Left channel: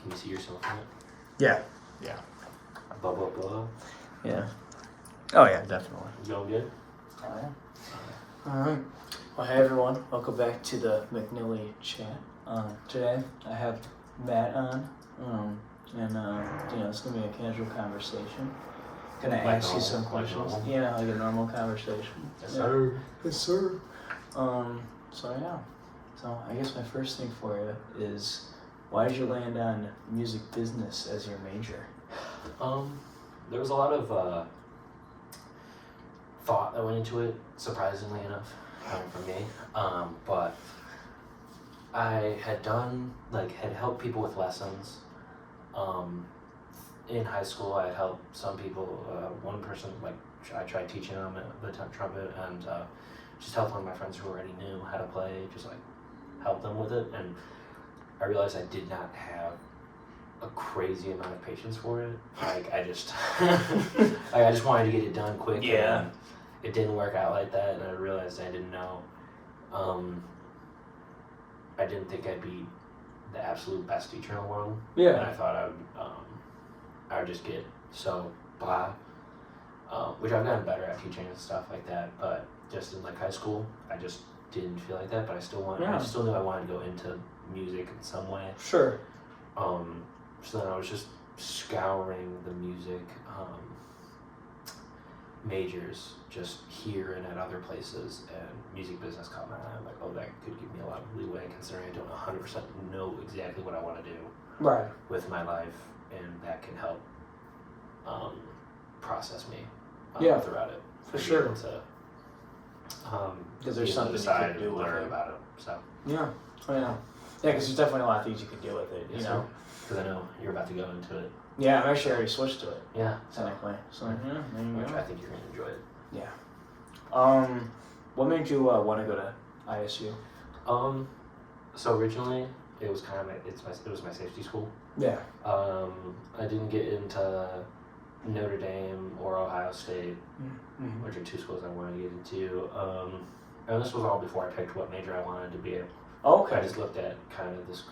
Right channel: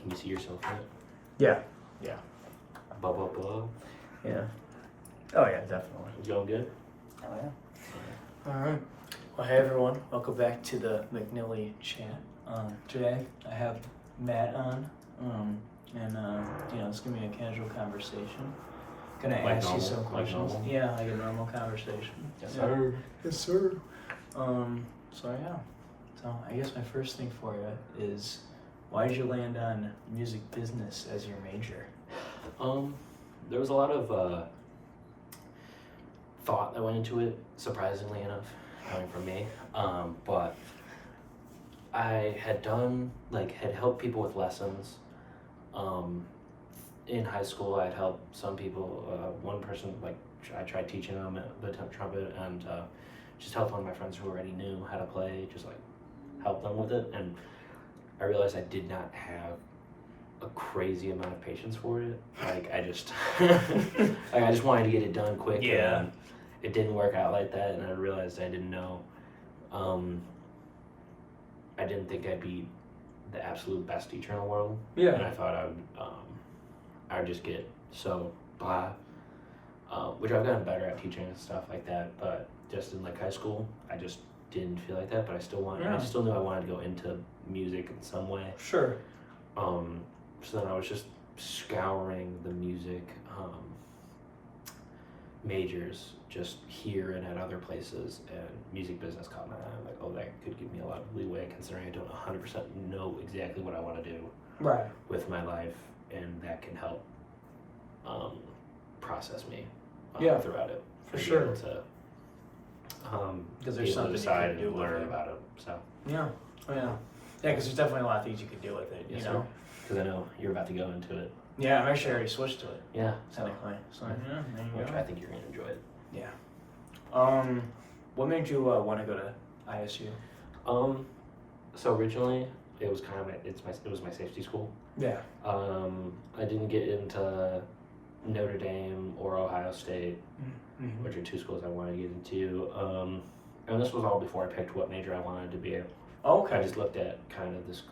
Can you see yourself in it? Yeah. Yeah. Blah, blah, blah. Yeah. Oh, yeah, definitely. You all good? Oh, yeah. All right. Well, hey, everyone. Welcome back to the McNilly chat. Today, I have Matt on. It's going to be a casual conversation. Going to ask you some questions. Like a normal conversation. Yes, sir. Yes, sir. So I guess my first thing for you is, why did you land on music business as your major? There was a lot of thought that went into it, surprisingly enough, for me. But I had had helped people with lessons. In high school, I'd helped some people. One person, I tried teaching them the trumpet, and just helped one of my friends who already knew how to play, just help them with it. And I realized I did not have a crazy amount of patience for it. I just I just wanted to get it done quick. Yeah. And it didn't work out like that, and I realized I didn't know. I didn't think I'd be the absolute best teacher in the world. Yeah. And I thought I would just get so blah. Which I've gotten better at teaching and stuff like that, but just in high school, I just didn't feel like that. But I still knew I wanted to go into music in some way. Sure. So then I was just scouring the music majors just here and at other places, and music business caught my eye. I'm like, oh, that could give me a lot of leeway, considering I don't 100% know exactly what I want to do with my life, and that can help process me throughout it. For sure. Because there's something you can do with learn it. about it. So. Yeah. Oh, yeah. Yeah, because there's definitely a lot of things you could do with it, yes, you know? Because I know you're about to go into it. Yeah, I've actually already switched to it. Yeah. Technically. So, yeah, there you go. I think you're going to enjoy it. Yeah. What made you want to go to ISU? So originally, it was it was my safety school. Yeah. I didn't get into Notre Dame or Ohio State, which are two schools I wanted to get into. And this was all before I picked what major I wanted to be in. Okay. I just looked at kind of this,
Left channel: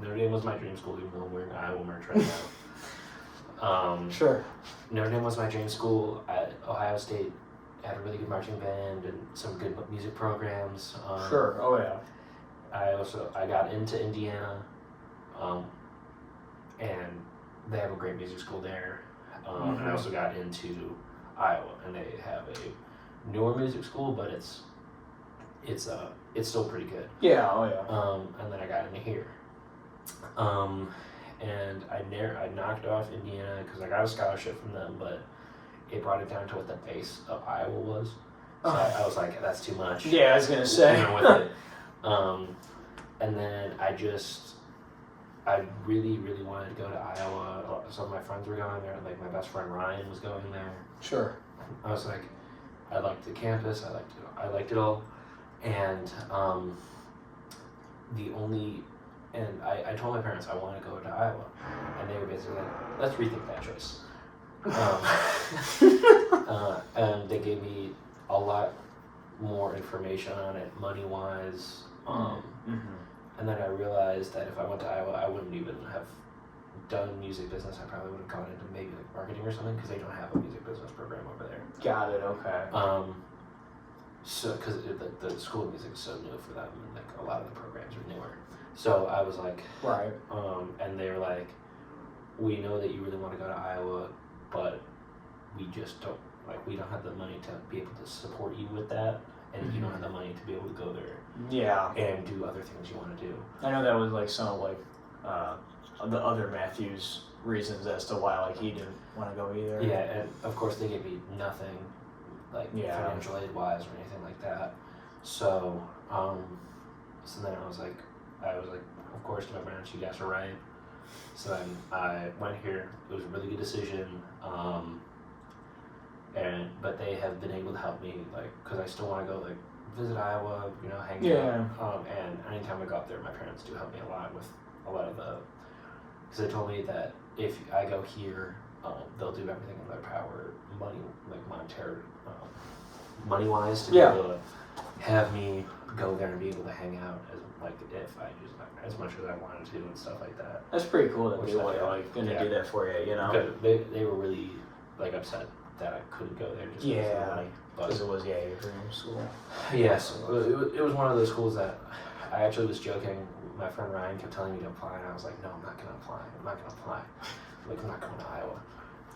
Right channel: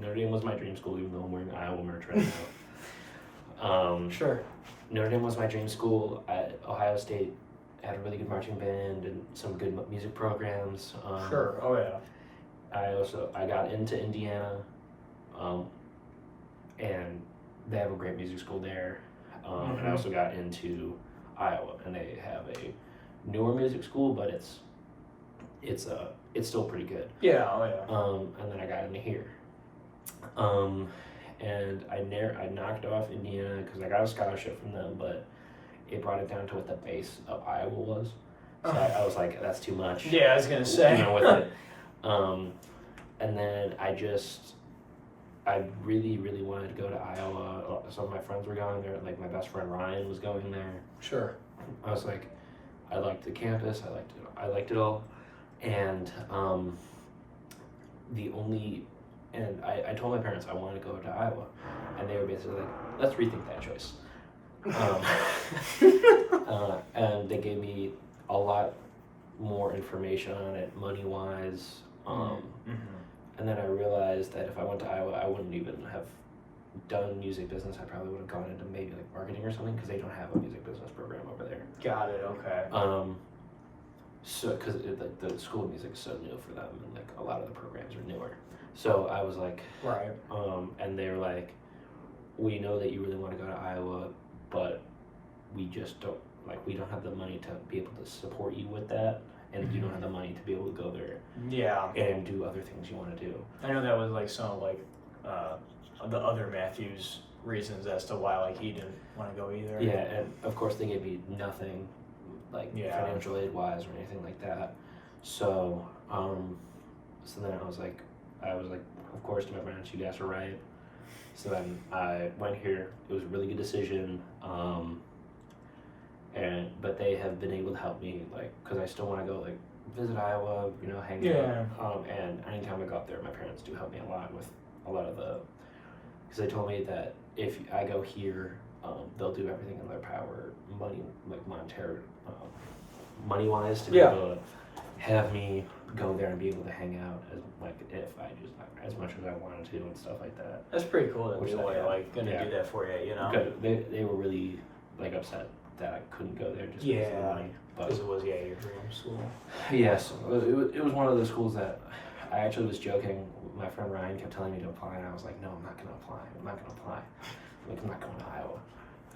Notre Dame was my dream school, even though I'm wearing Iowa merch right now. Sure. Notre Dame was my dream school. Ohio State had a really good marching band and some good music programs. Sure. Oh yeah. I got into Indiana, and they have a great music school there. And I also got into Iowa, and they have a newer music school, but it's still pretty good. Yeah. Oh yeah. And then I got into here. And I knocked off Indiana because I got a scholarship from them, but it brought it down to what the base of Iowa was. So I was like, that's too much. Yeah, I was gonna say. With it. And then I really, really wanted to go to Iowa. Some of my friends were going there. My best friend Ryan was going there. Sure. I was like, I liked the campus. I liked it all. And I told my parents I want to go to Iowa, and they were basically like, let's rethink that choice. And they gave me a lot more information on it, money-wise. And then I realized that if I went to Iowa, I wouldn't even have done music business. I probably would have gone into maybe marketing or something, because they don't have a music business program over there. Got it. Okay. So because the school of music is so new for them, and a lot of the programs are newer. So I was like, right. And they were like, we know that you really want to go to Iowa, but we just don't we don't have the money to be able to support you with that. And you don't have the money to be able to go there, and do other things you want to do. I know that was some of the other Matthews reasons as to why he didn't want to go either. Yeah, and of course they gave me nothing, financial aid wise or anything like that. So, so then I was like, of course, to my parents, you guys are right. So then I went here. It was a really good decision. But they have been able to help me, because I still want to go, visit Iowa, hang out. And anytime I go up there, my parents do help me a lot with a lot of because they told me that if I go here, they'll do everything in their power, money-wise, to be able to have me go there and be able to hang out as if I just as much as I wanted to and stuff like that. That's pretty cool that Which they were I- gonna do that for you, you know? Good. They were really upset that I couldn't go there just because of the money. Because it was your dream school. Yes, it was one of those schools that I actually was joking. My friend Ryan kept telling me to apply, and I was like, no, I'm not going to apply. I'm not going to Iowa.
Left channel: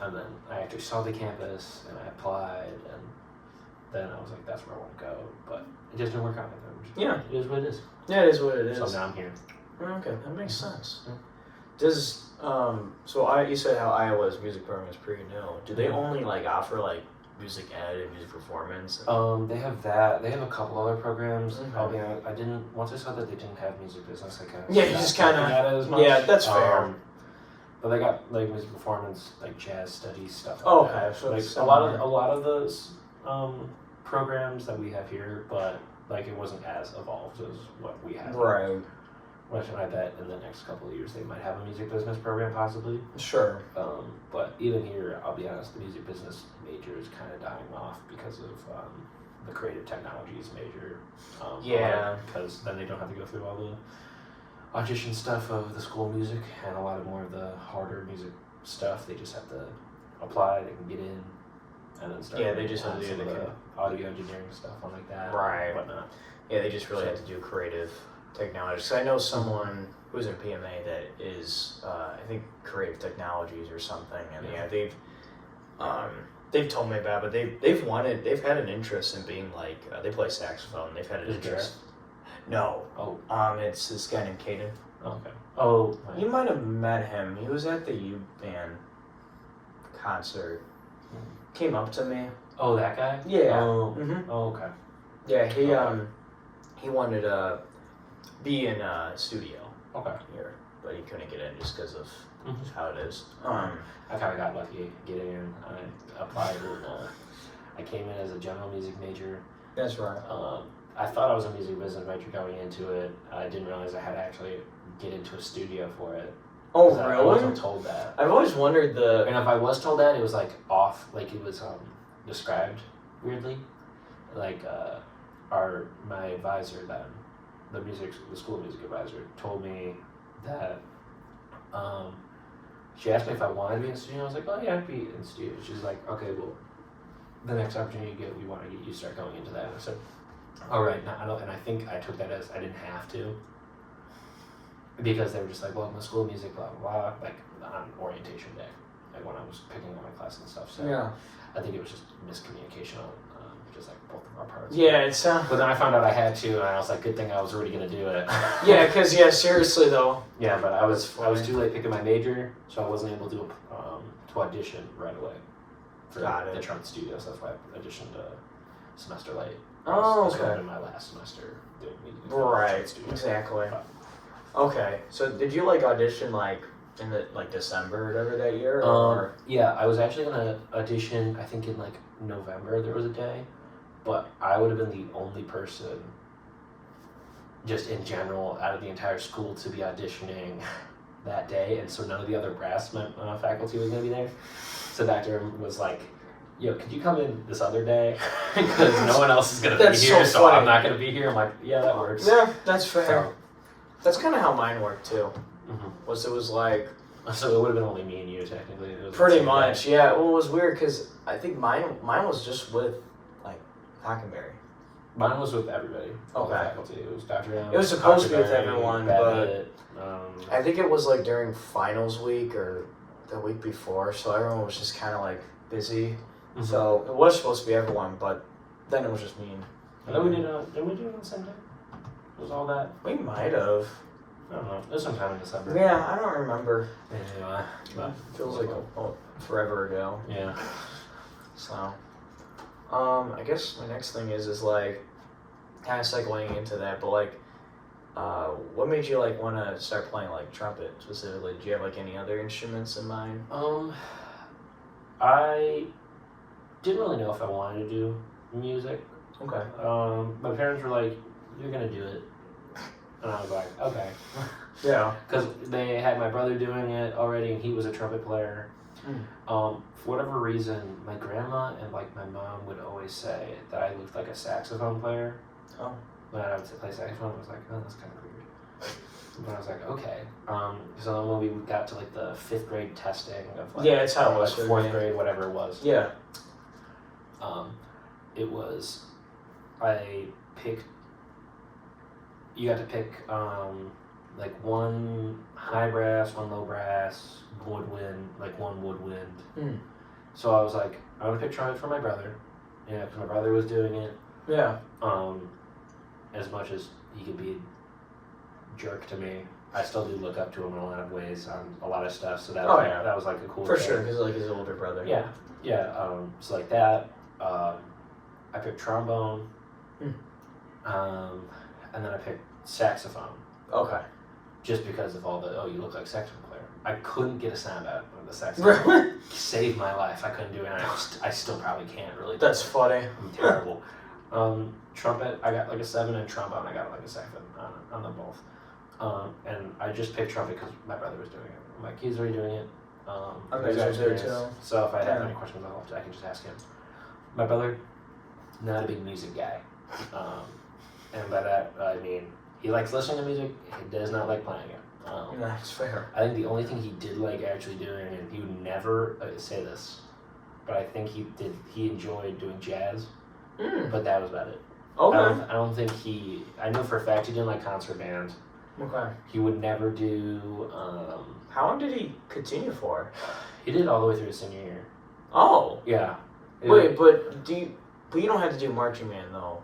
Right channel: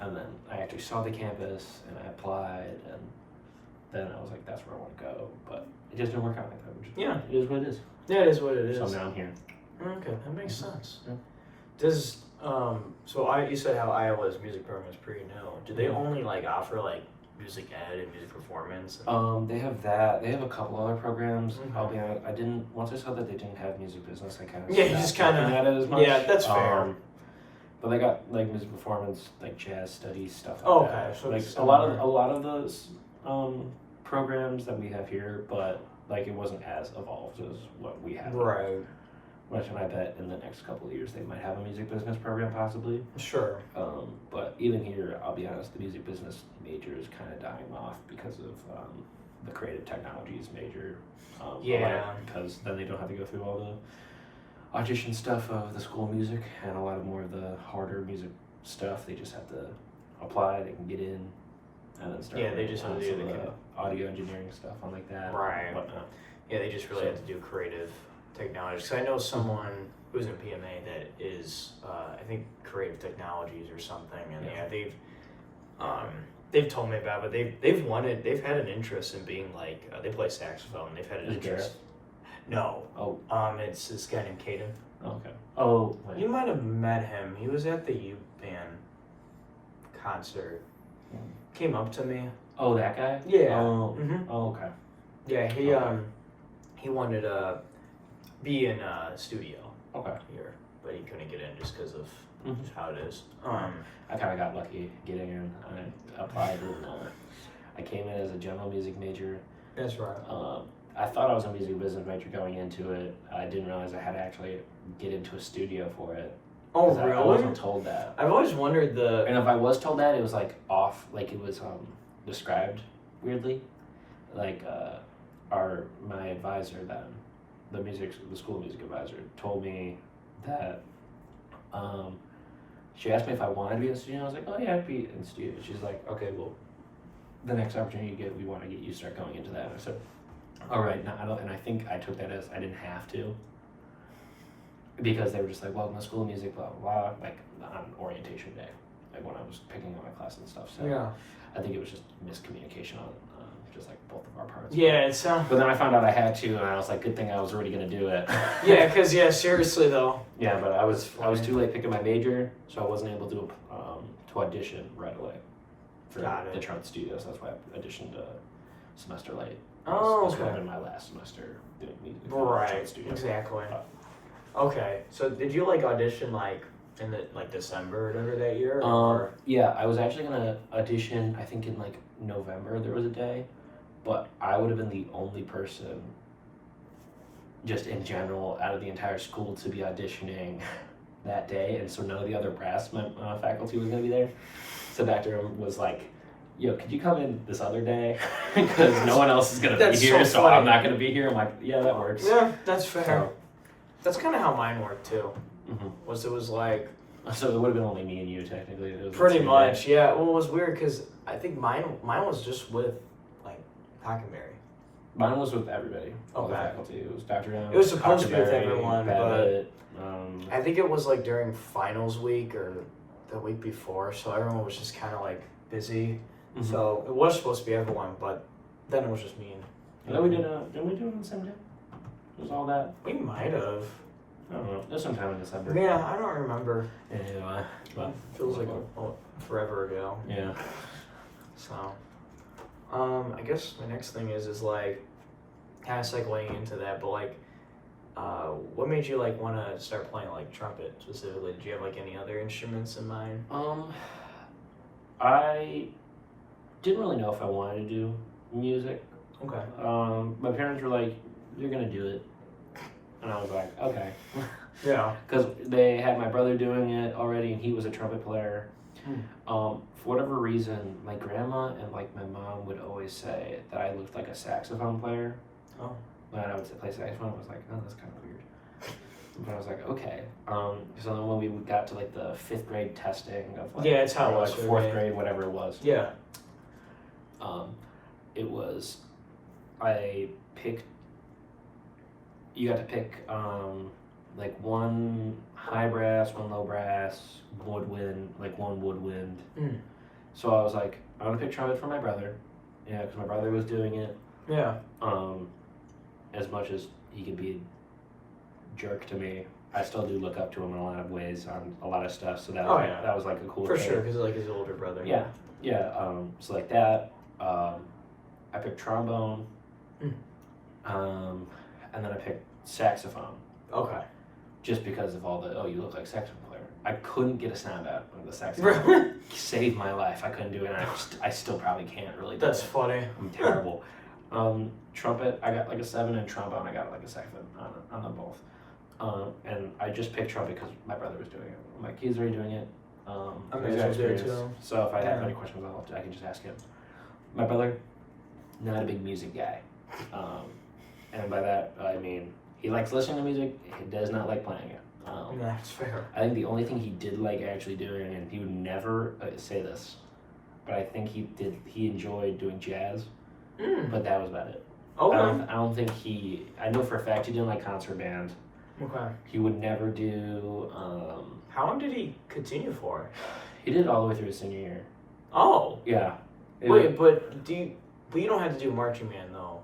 And then I actually saw the campus, and I applied, and then I was like, that's where I want to go. But it just didn't work out like that. Yeah. It is what it is. Yeah, it is what it is. So now I'm here. Okay, that makes sense. Yeah. Does you said how Iowa's music program is pretty new. Do they only offer music ed and music performance? They have that. They have a couple other programs. Okay. I'll be honest, I didn't. Once I saw that they didn't have music business, I kind of Yeah, you just kinda- yeah, that's fair. But they got music performance, jazz studies stuff. Oh, Like okay, that. so it's a lot of those programs that we have here, but it wasn't as evolved as what we have. Right. Which I bet in the next couple of years they might have a music business program possibly. Sure. But even here, I'll be honest, the music business major is kind of dying off because of the creative technologies major. Yeah. Because then they don't have to go through all the audition stuff of the school music and a lot of more of the harder music stuff. They just have to apply, they can get in, and then start. Yeah, they just have to do some the of the audio engineering stuff on like that. Right. Whatnot. Yeah, they just really have to do creative technology. Because I know someone who's in PMA that is, I think, creative technologies or something, and they've told me about it, but they've had an interest in being they play saxophone. They've had an Is it interest. No. Oh. It's this guy named Caden. Okay. Oh. You might have met him. He was at the U band concert. Came up to me. Oh, that guy. Yeah. Oh. Mhm. Oh, okay. Yeah, he Okay. he wanted to be in a studio Okay. here, but he couldn't get in just because of Mhm. how it is. I kind of got lucky getting in. I applied and I came in as a general music major. That's right. I thought I was a music business major going into it. I didn't realize I had to actually get into a studio for it. Oh, 'Cause really? I wasn't told that. I've always wondered And if I was told that, it was off, it was described weirdly. My advisor then, the school music advisor, told me that she asked me if I wanted to be in studio. I was like, oh yeah, I'd be in studio. She's like, okay, well, the next opportunity you get, we want to get you start going into that. And I said, all right, no, I don't. And I think I took that as I didn't have to, because they were just like, well, my school music, blah blah blah, on orientation day, when I was picking one of my classes and stuff. So Yeah. I think it was just miscommunication on just both of our parts. Yeah, it sounds. But then I found out I had to, and I was like, good thing I was already gonna do it. Yeah, because seriously though. Yeah, but I was too late picking my major, so I wasn't able to audition right away for Got it. the trumpet studios. That's why I auditioned a semester late. Oh, This would have okay. been my last semester doing music. Right. Studios. Exactly. Okay. So did you audition in the December or whatever that year? Or? Yeah, I was actually gonna audition. I think in November there was a day, but I would have been the only person, just in general, out of the entire school to be auditioning that day, and so none of the other brass faculty was gonna be there. So Dr. was like, yo, could you come in this other day? Because no one else is gonna be That's here, so so I'm funny. not gonna be here. I'm like, yeah, that works. Yeah, that's fair. So, That's kind of how mine worked too. mhm. It was So it would have been only me and you technically. It was pretty the same much, day. yeah. Well, it was weird because I think mine was just with Hockenberry. Mine was with everybody. All the Okay. faculty. It was Dr. It was supposed to be with Hockenberry, everyone, Babbitt, I think it was during finals week or the week before, so everyone was just kind of busy. mhm. So it was supposed to be everyone, but then it was just me and. I know we did. Did we do it on the same day? It was all that. We might have. I don't know. It was sometime in December. Yeah, I don't remember. Yeah. But Feels like forever ago. yeah. So, I guess my next thing is kind of segueing into that, but what made you want to start playing trumpet specifically? Did you have any other instruments in mind? I didn't really know if I wanted to do music. Okay. My parents were like, "You're gonna do it," and I was like, "Okay," Yeah. because they had my brother doing it already, and he was a trumpet player. For whatever reason, my grandma and my mom would always say that I looked like a saxophone player. Oh. when I would play saxophone, I was like, oh, that's kind of weird. But I was like, okay. So then when we got to like the 5th grade testing of like, Yeah, it's how it was like for 4th me. grade, whatever it was. Yeah. It was, I picked. You got to pick like one high brass, one low brass, woodwind, like one woodwind. Mm. So I was like, I'm gonna pick trumpet for my brother. Yeah, because my brother was doing it. Yeah. As much as he could be a jerk to me, I still do look up to him in a lot of ways on a lot of stuff. So that was that was like a cool for thing. sure, because like his older brother. Yeah, yeah. So like that. I picked trombone. Mm. And then I picked saxophone. Okay. Just because of all the you look like a saxophone player. I couldn't get a sound out of the saxophone. Saved my life. I couldn't do it. And I still probably can't really. That's funny. I'm terrible. Trumpet, I got like a 7, and trombone, I got like a 7 on them both. And I just picked trumpet because my brother was doing it. I'm like, he's already doing it. I'm there too. So if I have any questions about it, I can just ask him. My brother, not a big music guy. And by that, I mean, he likes listening to music, he does not like playing it. That's fair. I think the only thing he did like actually doing, and he would never say this, but I think he enjoyed doing jazz, but that was about it. Okay. I don't think I know for a fact he didn't like concert band. Okay. He would never do, how long did he continue for? He did it all the way through his senior year. Oh. Yeah. Wait, but you don't have to do marching band though.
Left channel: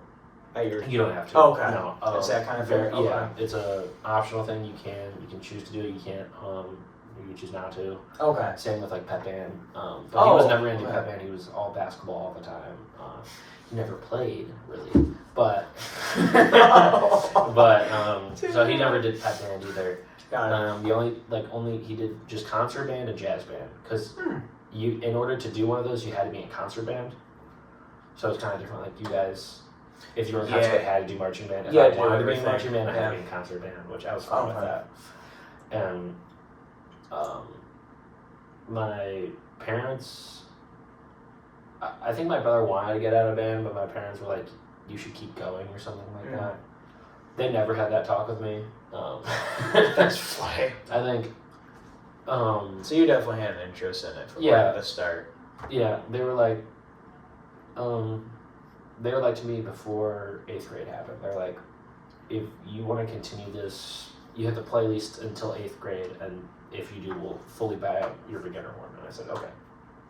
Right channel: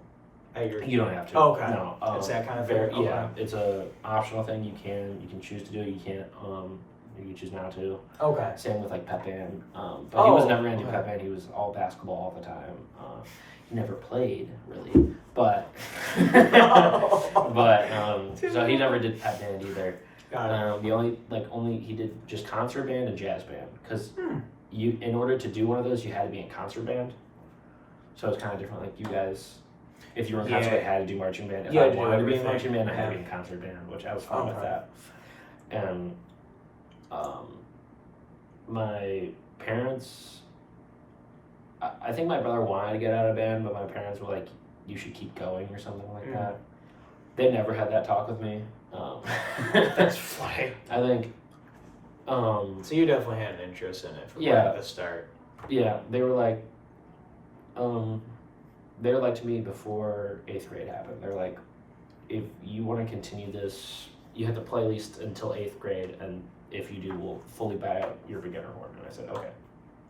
You don't have to. Oh, okay. No. It's that kind of very, thing? Okay. Yeah. It's a optional thing. You can choose to do it. You can't. You choose not to. Okay. Same with like pep band. But he was never gonna do pep band. He was all basketball all the time. He never played really, but so he never did pep band either. Got it. The only he did just concert band and jazz band because you in order to do one of those you had to be in concert band. So it's kind of different. Like you guys. If you were in concert band, I had to do marching band. If I wanted to be in marching band, I had to be in concert band, which I was fine with that. And my parents, I think my brother wanted to get out of band, but my parents were like, you should keep going or something like that. They never had that talk with me. That's funny. I think. So you definitely had an interest in it from the start. Yeah, they were like. They were like to me before 8th grade happened. They're like, if you want to continue this, you have to play at least until 8th grade, and if you do, we'll fully buy your beginner horn. And I said, okay.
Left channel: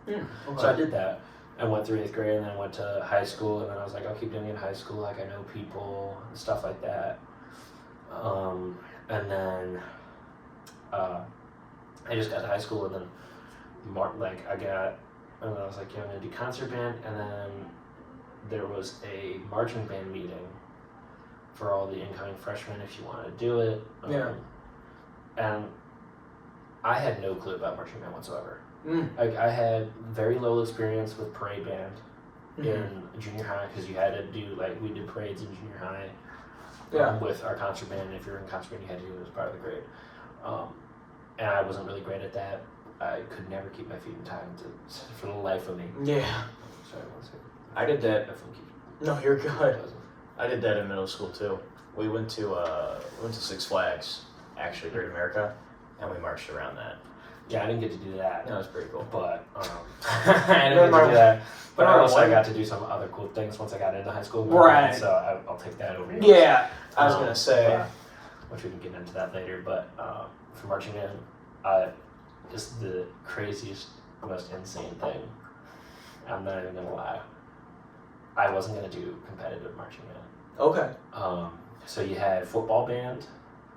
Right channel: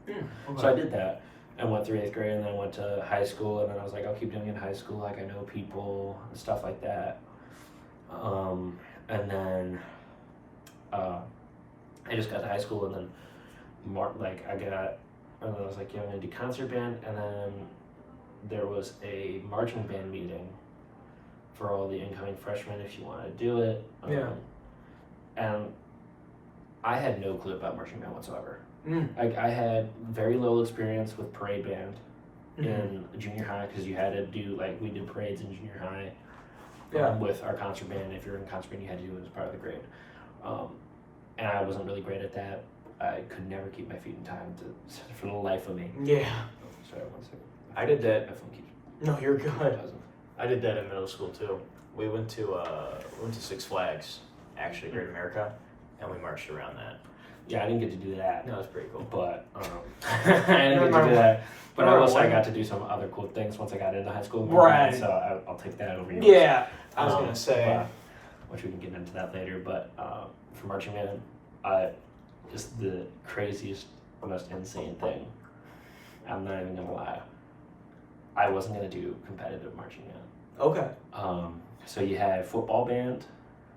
Okay. So I did that. I went through 8th grade, and then I went to high school, and then I was like, I'll keep doing it in high school. Like, I know people and stuff like that. And then I just got to high school, and then and then I was like, yeah, I'm going to do concert band, and then there was a marching band meeting for all the incoming freshmen if you want to do it. And I had no clue about marching band whatsoever. I had very little experience with parade band in junior high because you had to do, we did parades in junior high with our concert band. If you were in concert band, you had to do it as part of the grade. And I wasn't really great at that. I could never keep my feet in time for the life of me. Yeah. Sorry, one second. I did that. No, you're good. Buzzing. I did that in middle school too. We went to Six Flags, actually here in America, and we marched around that. Yeah, I didn't get to do that. That was pretty cool. But I didn't get to do that. But I got to do some other cool things once I got into high school. Right. So I'll take that over. Yeah, I was gonna say. Which we can get into that later. But for marching band, just the craziest, most insane thing. I'm not even gonna lie. I wasn't gonna do competitive marching band. Okay. So you had football band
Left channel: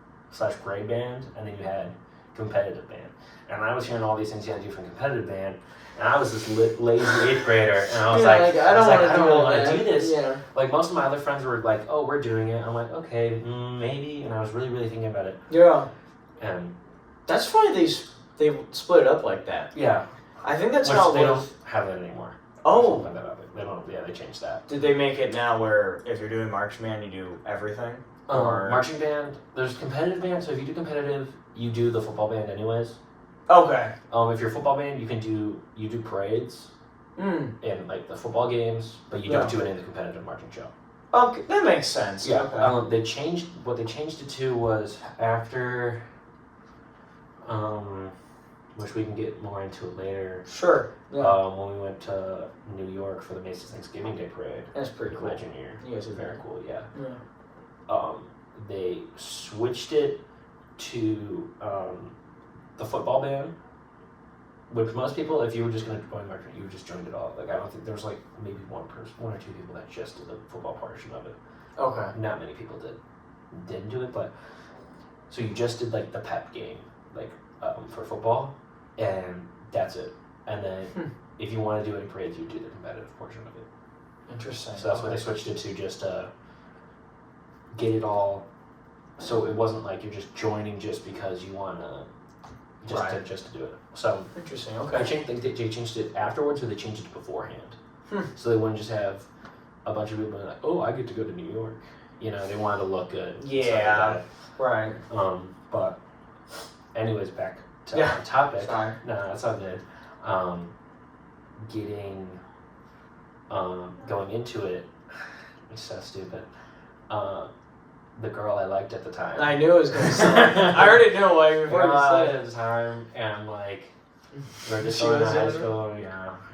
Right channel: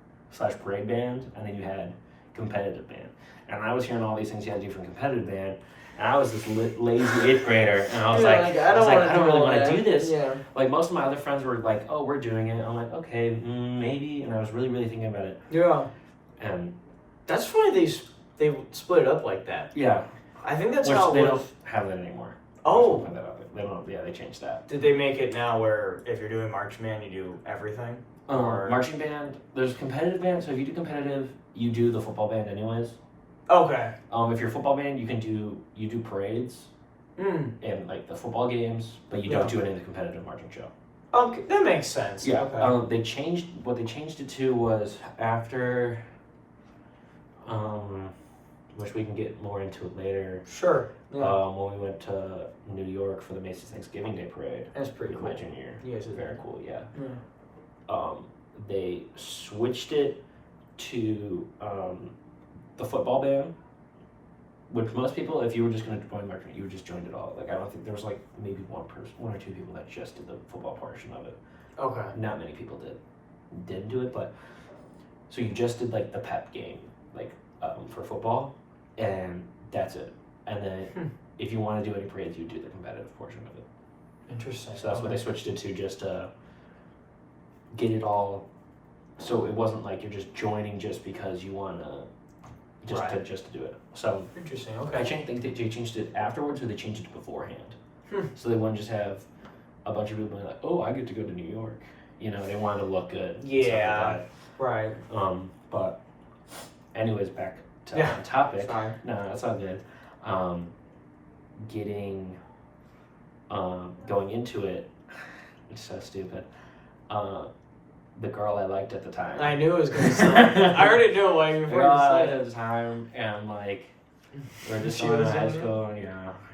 / parade band, and then you had competitive band. And I was hearing all these things you had to do for competitive band, and I was this lazy 8th grader, and I was I don't really want to do this. Yeah. Like most of my other friends were like, "Oh, we're doing it." I'm like, "Okay, maybe," and I was really, really thinking about it. Yeah. And that's funny. They split it up like that. Yeah. I think that's Which how they don't have that anymore. Oh. They don't. Yeah, they changed that. Did they make it now where if you're doing marching band, you do everything? Marching band. There's competitive band. So if you do competitive, you do the football band anyways. Okay. If you're a football band, you do parades in like the football games, but you don't do it in the competitive marching show. Okay, that makes sense. Yeah. Okay. What they changed it to was after, which we can get more into it later. Sure. Yeah. When we went to New York for the Macy's Thanksgiving Day Parade. That's pretty with cool. my junior year. You guys are Very there. cool. Yeah. Yeah. They switched it to the football band, which most people, if you were just going to join marching, you would just join it all. Like I don't think there was like maybe one or two people that just did the football portion of it. Okay. Not many people didn't do it, but so you just did like the pep game, like for football, and that's it. And then if you want to do any parades, you do the competitive portion of it. Interesting. So that's what they switched it to, just to get it all. So it wasn't like you're just joining just because you want to, just to do it. So interesting. I Okay. think they changed it afterwards, or they changed it beforehand. Hmm. So they wouldn't just have a bunch of people like, oh, I get to go to New York. You know, they wanted to look good. and stuff Yeah. like Right. that. But anyways, back to Yeah. the topic. Sorry. No, that's all good. Getting going into it, it's so stupid. The girl I liked at the time. I knew it was gonna sound. I already knew like The before girl I you liked said at the time, and like we're just She going to was high into it? school, and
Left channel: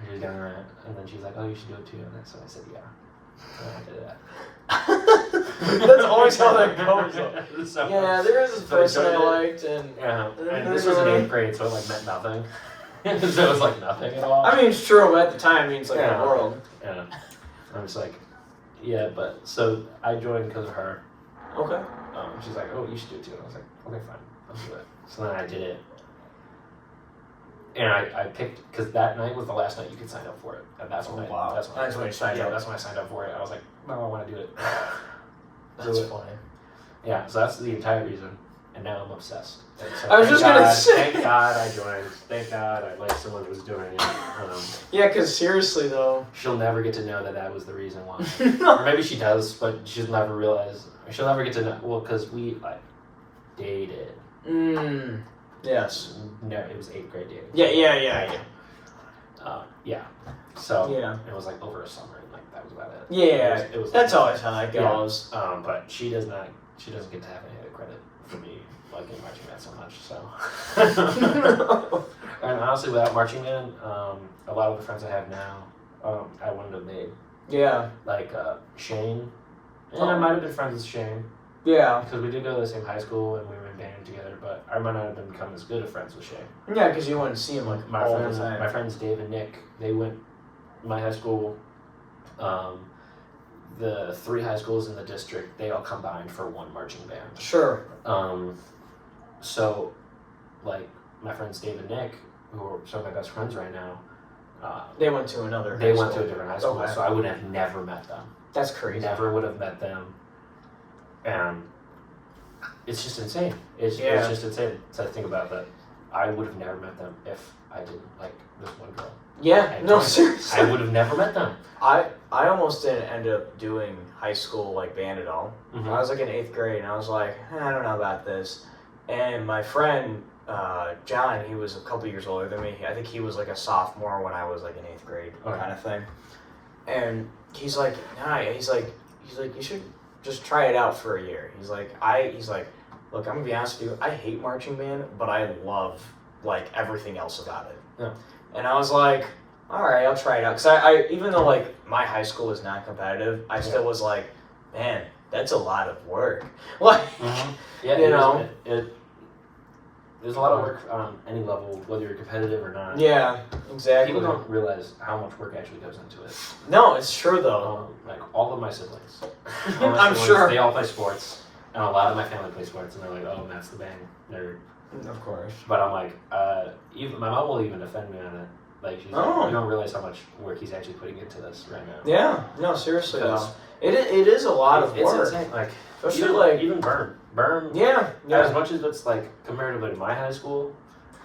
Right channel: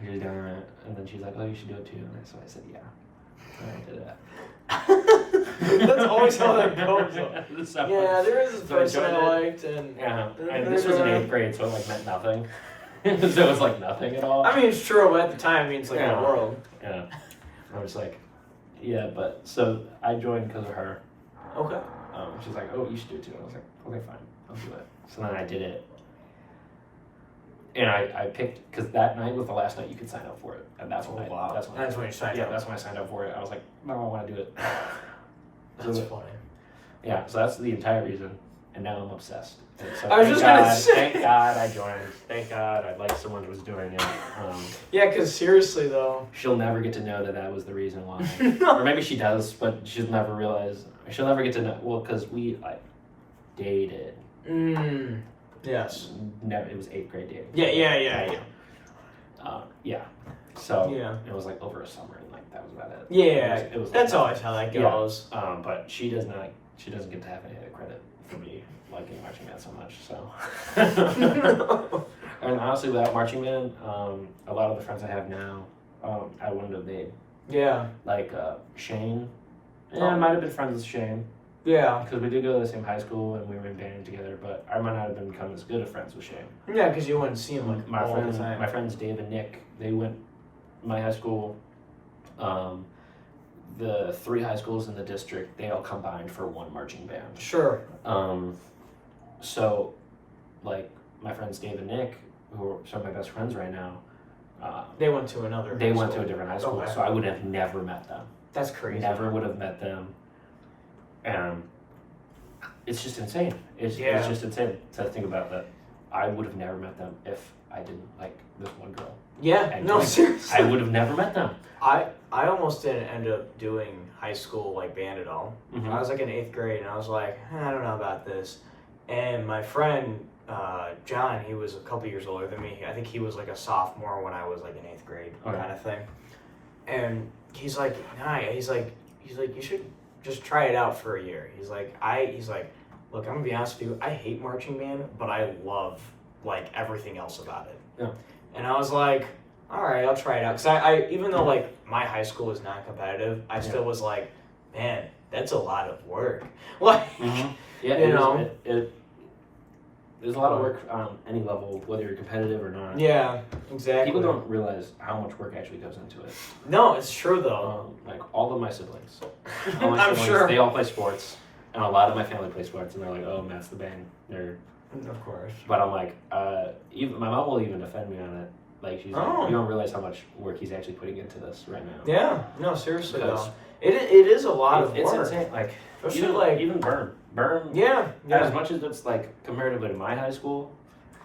she was doing it, and then she's like, "Oh, you should do it too." And so I said, "Yeah." And I did that. it. That's always how that goes. So- Yeah, there is this so I person I joined it. liked, and Yeah, And then and they're this was in going- 8th grade, so it like meant nothing. So it was like nothing at all. I mean, it's true. But at the time, it means like Yeah. the world. Yeah, I was like, yeah, but so I joined because of her. Okay. She's like, oh, you should do it too. And I was like, okay, fine, I'll do it. So then I did it. And I picked, because that night was the last night you could sign up for it. And that's when That's when you signed up. that's when I signed up for it. I was like, no, I want to do it. That's So, funny. yeah, so that's the entire reason. And now I'm obsessed. And so I was just gonna say. Thank God I joined. Thank God I liked someone who was doing it. Yeah, because seriously though. She'll never get to know that was the reason why. Or maybe she does, but she'll never realize. She'll never get to know. Well, because we dated. Yes. Never. It was 8th grade dating. Yeah. Yeah. So Yeah. it was like over a summer, and like that was about it. Yeah. It was That's like, always how that goes. but she does not. She doesn't get to have any of the credit for me liking marching band so much. So. And honestly, without marching band, a lot of the friends I have now, I wouldn't have made. Yeah. Like Shane. Yeah, I might have been friends with Shane. Yeah. Because we did go to the same high school and we were in band together, but I might not have become as good of friends with Shane. Yeah, because you wouldn't see him like My all friends, the time. my friends Dave and Nick, they went my high school. The 3 high schools in the district, they all combined for one marching band. Sure. So, like my friends Dave and Nick, who are some of my best friends right now, They went to another. they high went school. to a different high school, Okay. so I would have never met them. That's crazy. Never would have met them. And it's just insane. It's Yeah. just insane to think about that. I would have never met them if I didn't like this one girl. Yeah. I No, didn't. seriously. I would have never met them. I almost didn't end up doing high school like band at all. Mhm. I was like in 8th grade and I was like, I don't know about this. And my friend John, he was a couple years older than me. I think he was like a sophomore when I was like in 8th grade Okay. kind of thing. And he's like, nah, he's like you should just try it out for a year. He's like, look, I'm gonna be honest with you, I hate marching band, but I love like everything else about it. Yeah. And I was like, all right, I'll try it out. Because I even though like my high school was not competitive, I still was like, man, that's a lot of work. Like, Yeah, you know? There's a lot of work on any level, whether you're competitive or not. yeah, exactly. People don't realize how much work actually goes into it. No, it's true though. Like all of my siblings. I'm sure. They all play sports, and a lot of my family plays sports, and they're like, "Oh, Matt's the band nerd." Of course. But I'm like, even my mom will even defend me on it. Like she's like, you don't realize how much work he's actually putting into this right now. Yeah, no, seriously Because though. It is a lot of It's work. insane. Like Especially even Burn. Yeah. As much as it's like comparatively to my high school,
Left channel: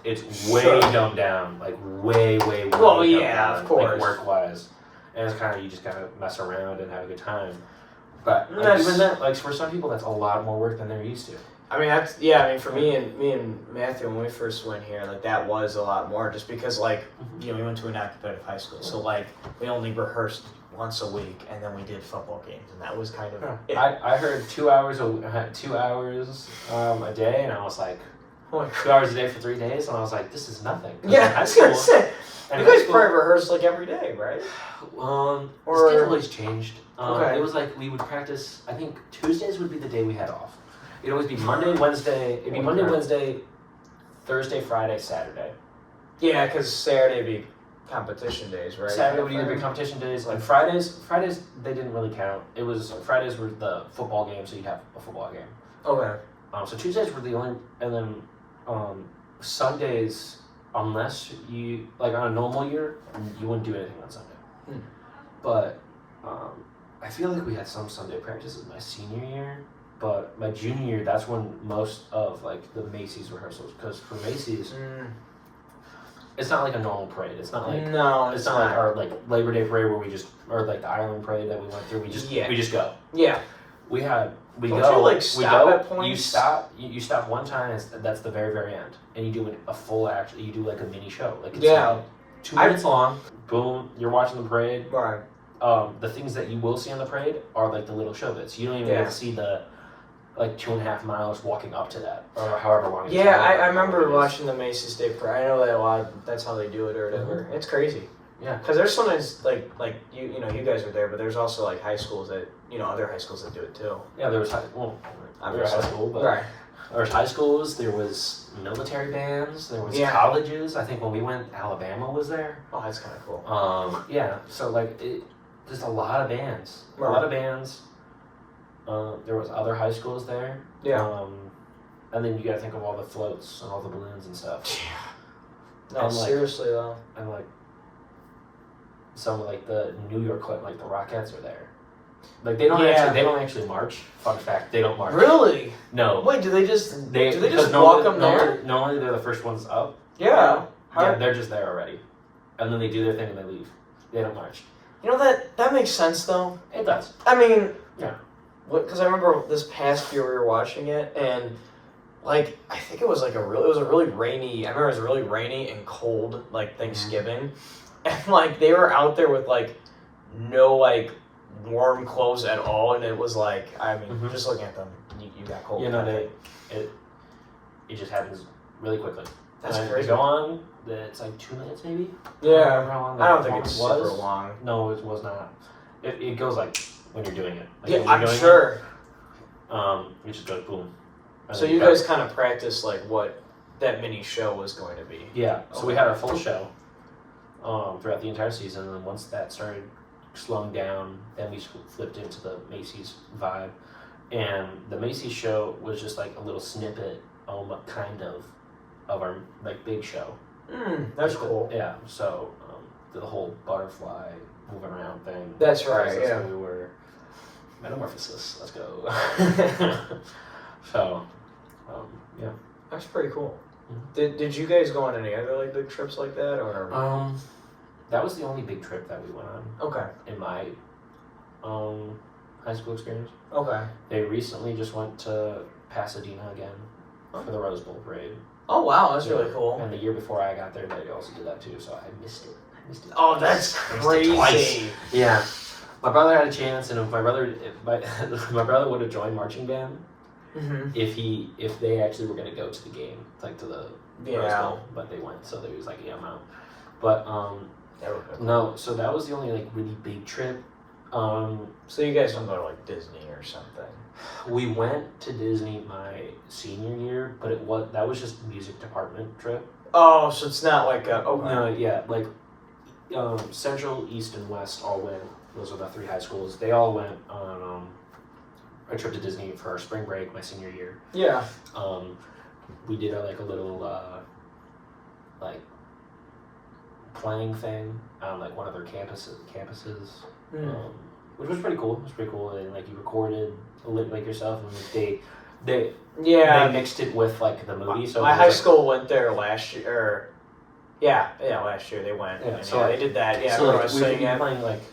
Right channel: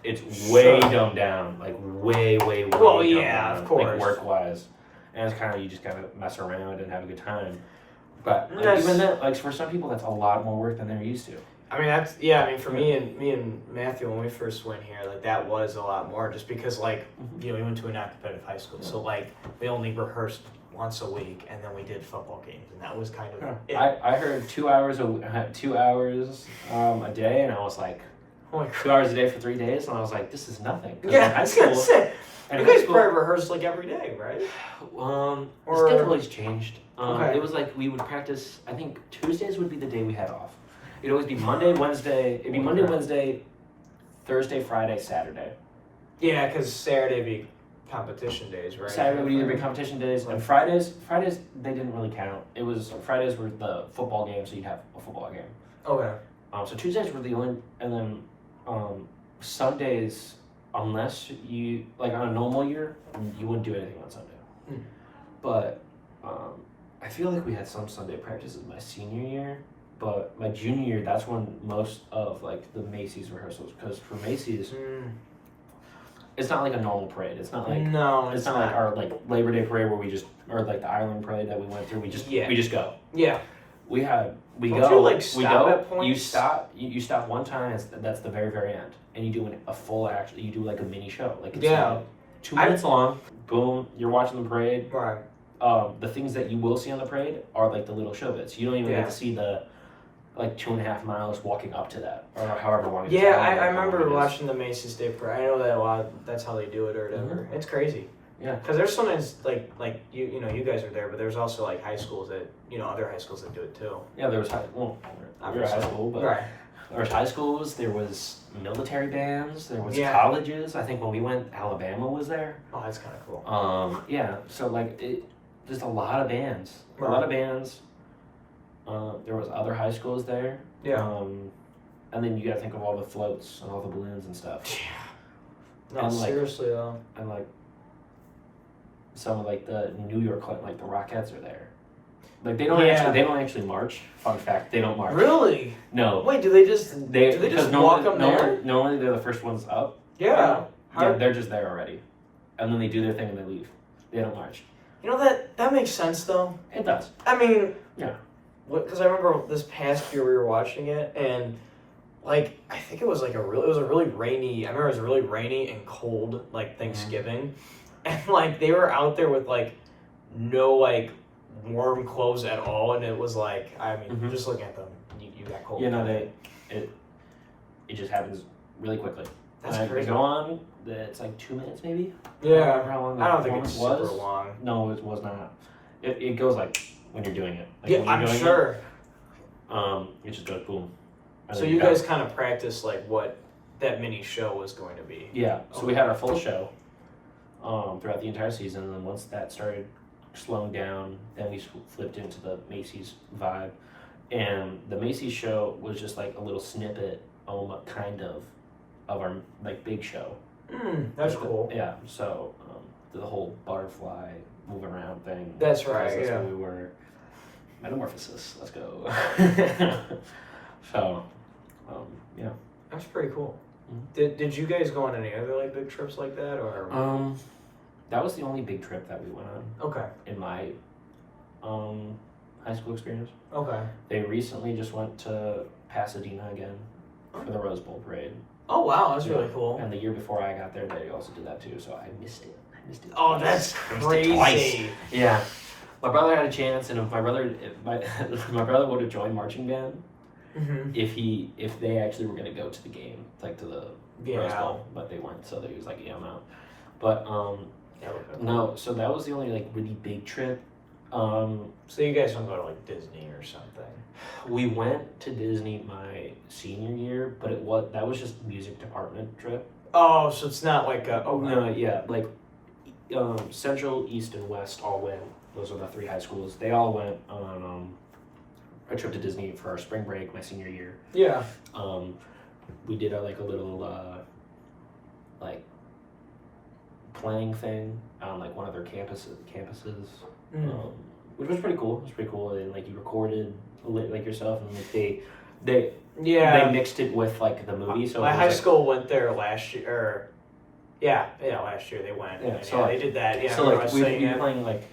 it's way dumbed down. Like way. Well, dumbed yeah, down, of course. Like work wise, and it's kind of you just kind of mess around and have a good time. But like, That's- even that, like for some people, that's a lot more work than they're used to. I mean, for me and Matthew when we first went here, like that was a lot more just because like, you know, we went to a non-competitive high school, so like we only rehearsed once a week, and then we did football games, and that was kind of it. I heard 2 hours a day, and I was like, Oh my God. 2 hours a day for 3 days, and I was like, this is nothing. 'Cause Yeah, in I was gonna say. in You high guys school- probably rehearse like every day, right? The Or- schedule always changed. Okay. It was like we would practice. I think Tuesdays would be the day we had off. It'd always be Monday, Wednesday. It'd be Monday, Okay. Wednesday, Thursday, Friday, Saturday. Yeah, because Saturday would be competition days, right? Saturday would either be competition days, like Fridays. Fridays they didn't really count. It was Fridays were the football game, so you'd have a football game. Okay. So Tuesdays were the only, and then Sundays, unless you like on a normal year, you wouldn't do anything on Sunday. But I feel like we had some Sunday practices my senior year, but my junior year, that's when most of like the Macy's rehearsals, because for Macy's, it's not like a normal parade. It's not like No, it's not like our like Labor Day parade where we just, or like the Ireland parade that we went through. We just go. Yeah. We Don't go. you, like, we stop go. at points? You stop one time. That's the very very end, and you do a full act. You do like a mini show. Like it's Yeah. like 2 minutes long. Boom. You're watching the parade. Right. The things that you will see on the parade are like the little show bits. You don't even get to see the like 2.5 miles walking up to that, or however long. it is. Yeah, I remember watching the Macy's Day Parade. I know that a lot. That's how they do it or whatever. It's crazy. Yeah. Because there's sometimes like you know you guys are there, but there's also like high schools that other high schools that do it too. Yeah, there was we were high school, but Right. there was high schools. There was military bands. There was colleges. I think when we went, Alabama was there. Oh, that's kind of cool. Yeah. So like just a lot of bands. A lot of bands. There was other high schools there. Yeah. And then you got to think of all the floats and all the balloons and stuff. Yeah. No, And, like, seriously though. And like some of like the New York like the Rockettes are there. Like they don't actually march. Fun fact, they don't march. Really? No. Wait, do they just walk them there? Normally they're the first ones up. Yeah. Yeah, they're just there already, and then they do their thing and they leave. They don't march. You know that makes sense though. It does. I mean, yeah. Because I remember this past year we were watching it, and like I think it was a really rainy. I remember it was really rainy and cold, like Thanksgiving, and like they were out there with like no like warm clothes at all, and it was like just looking at them, you got cold. You know, it just happens really quickly. That's and crazy. Go on. It's like 2 minutes maybe. Yeah. How long I don't think it's was. super long. No, it was not. It goes like when you're doing it. Like Yeah, I'm sure. It just goes boom. So you guys kind of practiced like what that mini show was going to be. Yeah. So we had our full show throughout the entire season, and then once that started slowing down, then we flipped into the Macy's vibe, and the Macy's show was just like a little snippet, kind of our like big show. That's cool. Yeah. So the whole butterfly moving around thing. That's right. That's yeah. where we were. Metamorphosis. Let's go. So, yeah. That's pretty cool. Mm-hmm. Did you guys go on any other like big trips like that or? That was the only big trip that we went on. Okay. In my high school experience. Okay. They recently just went to Pasadena again for the Rose Bowl parade. Oh wow, that's really cool. And the year before I got there, they also did that too. So I missed it. Oh, that's crazy. Twice. Yeah. My brother had a chance, and if my brother would have joined marching band if they actually were gonna go to the game, like to the Rose Bowl, but they weren't, so they was like, yeah, I'm out. But no, so that was the only like really big trip. So you guys don't go to like Disney or something? We went to Disney my senior year, but that was just music department trip. Oh, so it's not like a No, yeah, like Central, East, and West all went. Those are the 3 high schools. They all went on a trip to Disney for our spring break my senior year. Yeah. We did a little like playing thing on like one of their campuses, which was pretty cool. It was pretty cool, and like you recorded like yourself, and like they mixed it with like the movie. So my high school went there last year. Last year they went. Yeah, so they did that. Yeah, so like we we'd be playing like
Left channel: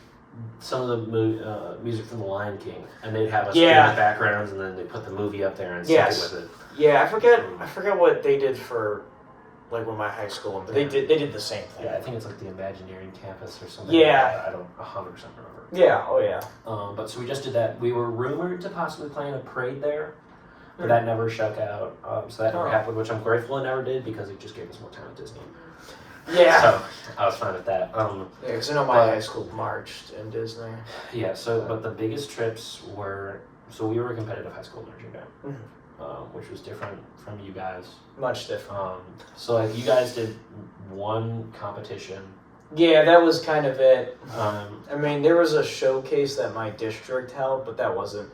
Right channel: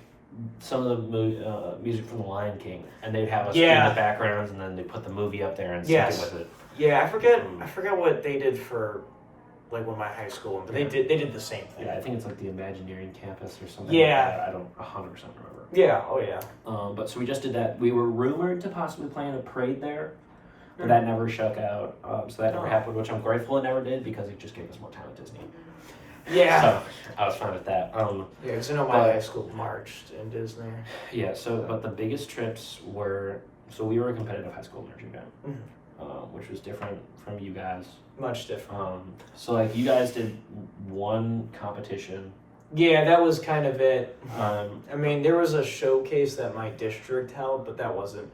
some of the music from The Lion King, and they'd have us do the backgrounds, and then they put the movie up there and sync it with it. Yeah, I forget what they did for like when my high school, but they did the same thing. Yeah, I think it's like the Imagineering campus or something. Yeah. Like that. I don't 100% remember. Yeah. Oh yeah. But so we just did that. We were rumored to possibly plan a parade there, but that never shook out. So that never happened, which I'm grateful it never did because it just gave us more time at Disney. Yeah. So I was fine with that. Yeah, because I know my high school marched in Disney. Yeah. So, but the biggest trips were we were a competitive high school marching band, which was different from you guys. Much different. So like you guys did one competition. Yeah, that was kind of it. I mean, there was a showcase that my district held, but that wasn't.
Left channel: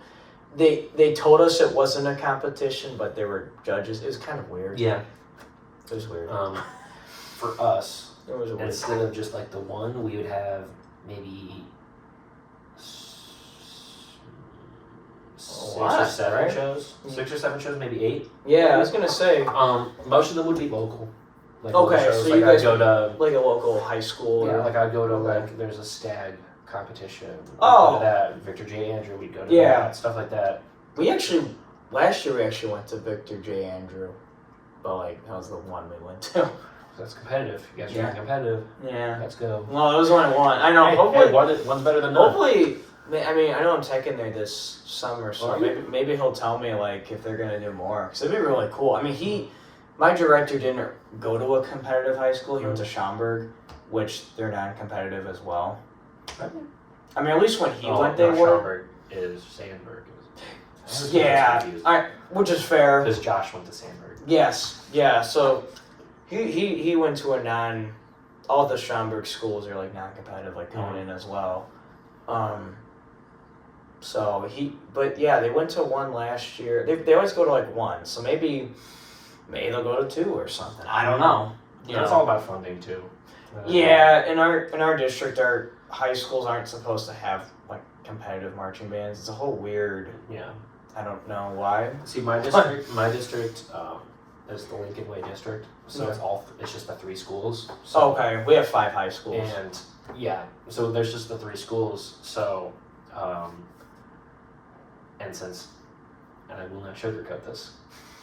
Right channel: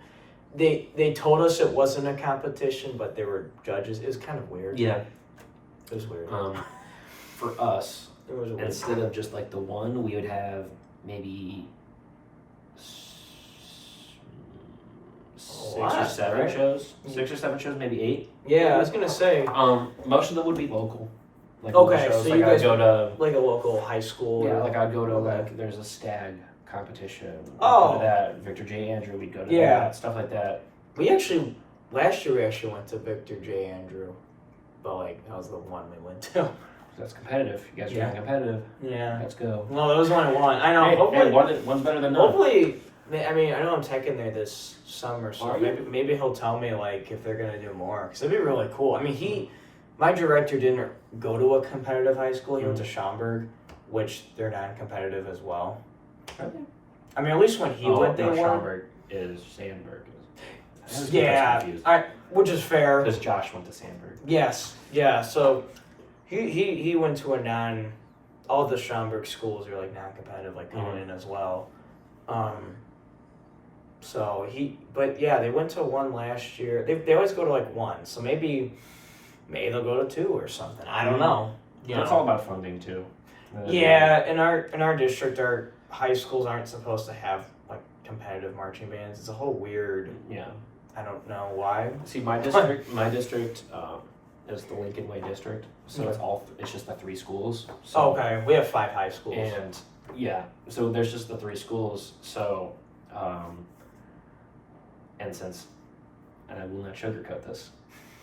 They told us it wasn't a competition, but there were judges. It was kind of weird. Yeah. It was weird. For us, it was weird. Instead of just like the one, we would have maybe six or seven shows. 6 or 7 shows, maybe 8. Yeah, I was gonna say. Most of them would be local. Like okay, shows. so like you guys go to like a local high school. Yeah, or, like I'd go to like there's a stag competition. Oh, go to that Victor J. Andrew. We'd go to that stuff like that. We actually last year we actually went to Victor J. Andrew, but like that was the one we went to. That's competitive. You guys are competitive. Yeah. Let's go. Well, it was only one. I know. Hey, hopefully, one's better than none. Hopefully, I mean, I know I'm taking there this summer, so maybe he'll tell me like if they're gonna do more, because it'd be really cool. I mean, my director didn't go to a competitive high school. He went to Schaumburg, which they're non-competitive as well. Really? I mean, at least when he went, they were. Schaumburg is Sandburg. Which is fair. Because Josh went to Sandburg. Yes. Yeah. So. He went to all the Schaumburg schools are like non-competitive, like Conan as well. But yeah, they went to one last year. They always go to like one, so maybe they'll go to 2 or something. I don't know. It's all about funding too. Yeah, in our district, our high schools aren't supposed to have like competitive marching bands. It's a whole weird. Yeah. I don't know why. See, my district is the Lincoln Way district, so it's just the 3 schools. So, okay, we have 5 high schools. And so there's just the 3 schools. So, and I will not sugarcoat this,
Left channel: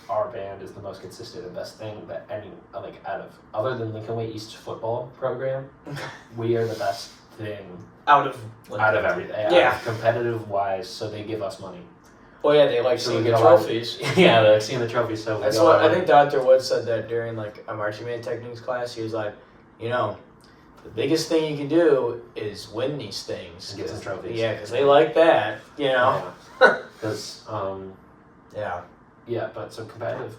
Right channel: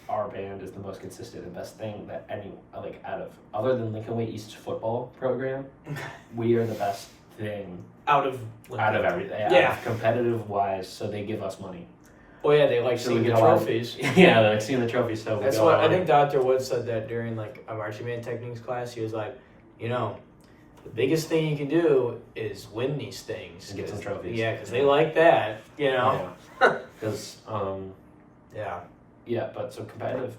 our band is the most consistent and best thing that other than Lincoln Way East football program, we are the best thing out of everything. Yeah, competitive wise. So they give us money. Oh yeah, they like seeing the trophies. Yeah, they like seeing the trophies. So that's what I think. Dr. Wood said that during like a marching band techniques class. He was like, the biggest thing you can do is win these things and get some trophies. Yeah, because they like that. Because yeah, but some competitive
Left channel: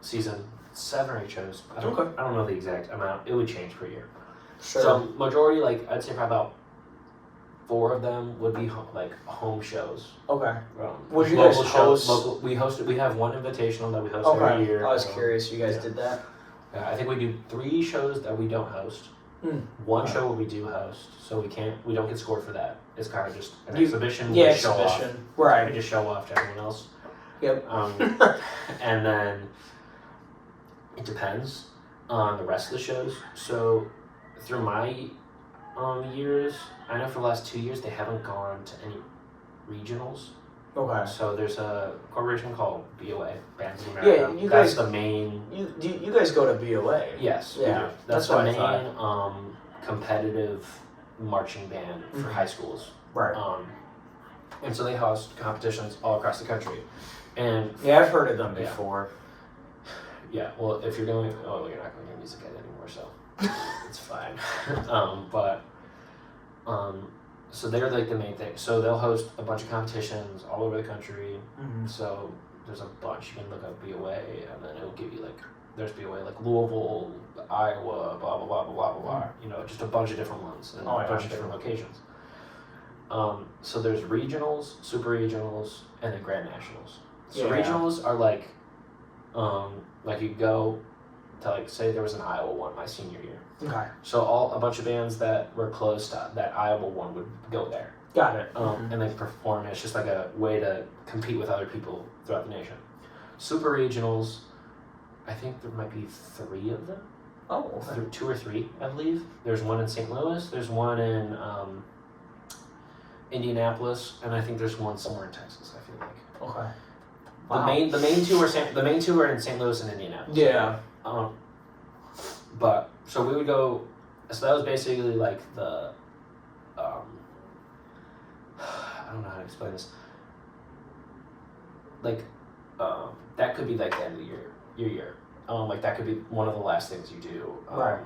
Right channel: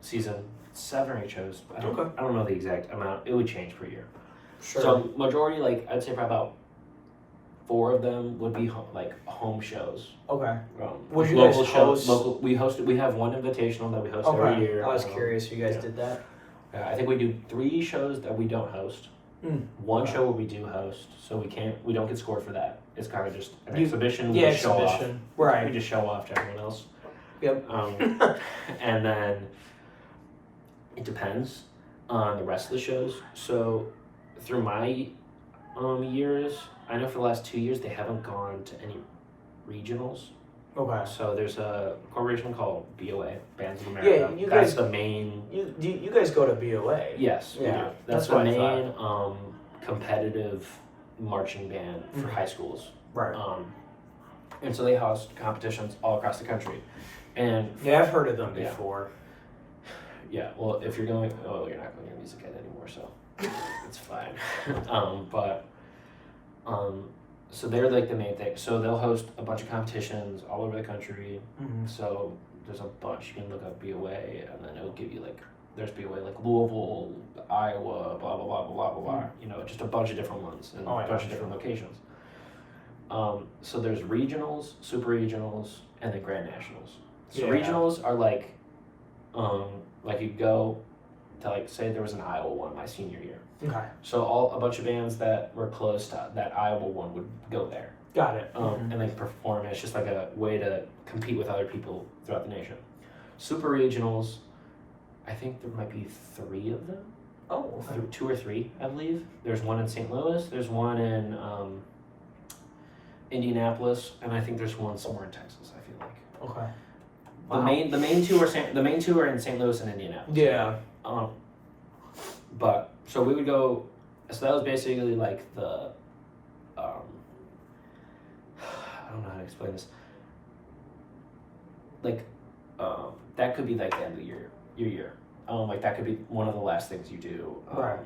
season 7 or 8 shows. I don't know the exact amount. It would change per year. Sure. So majority, like I'd say probably about 4 of them would be home shows. Okay. Would you guys host? We have one invitational that we host every year. I was curious. You guys did that? Yeah, I think we do 3 shows that we don't host. One show where we do host, so we don't get scored for that. It's kind of just an exhibition. Yeah, exhibition. Right. We just show off to everyone else. Yep. And then it depends on the rest of the shows. So through my years, I know for the last 2 years they haven't gone to any regionals. Okay. So there's a corporation called BOA, Bands of America. Yeah, that's the main. You guys go to BOA. Yes. Yeah. That's the main competitive marching band for high schools. Right. And so they host competitions all across the country. And yeah, I've heard of them before. Yeah. Well, if you're going, you're not going to music ed anymore, so it's fine. So they're like the main thing. So they'll host a bunch of competitions all over the country. Mm-hmm. So there's a bunch. You can look up BOA, and then it'll give you there's BOA like Louisville, Iowa, blah blah blah blah blah blah. Mm-hmm. Just a bunch of different ones and a bunch of different locations. So there's regionals, super regionals, and then grand nationals. So regionals are like you go to say there was an Iowa one my senior year. Okay. So a bunch of bands that were close to that Iowa one would go there. Got it. And they perform. It's just like a way to compete with other people throughout the nation. Super regionals, I think there might be 3 of them. Oh, okay. 2 or 3, I believe. There's one in St. Louis. There's one in Indianapolis, and I think there's one somewhere in Texas. I feel like. Okay. Wow. The main two are in St. Louis and Indianapolis. Yeah. But so we would go. So that was basically like the. I don't know how to explain this. Like, that could be like the end of your year. Like that could be one of the last things you do. Right.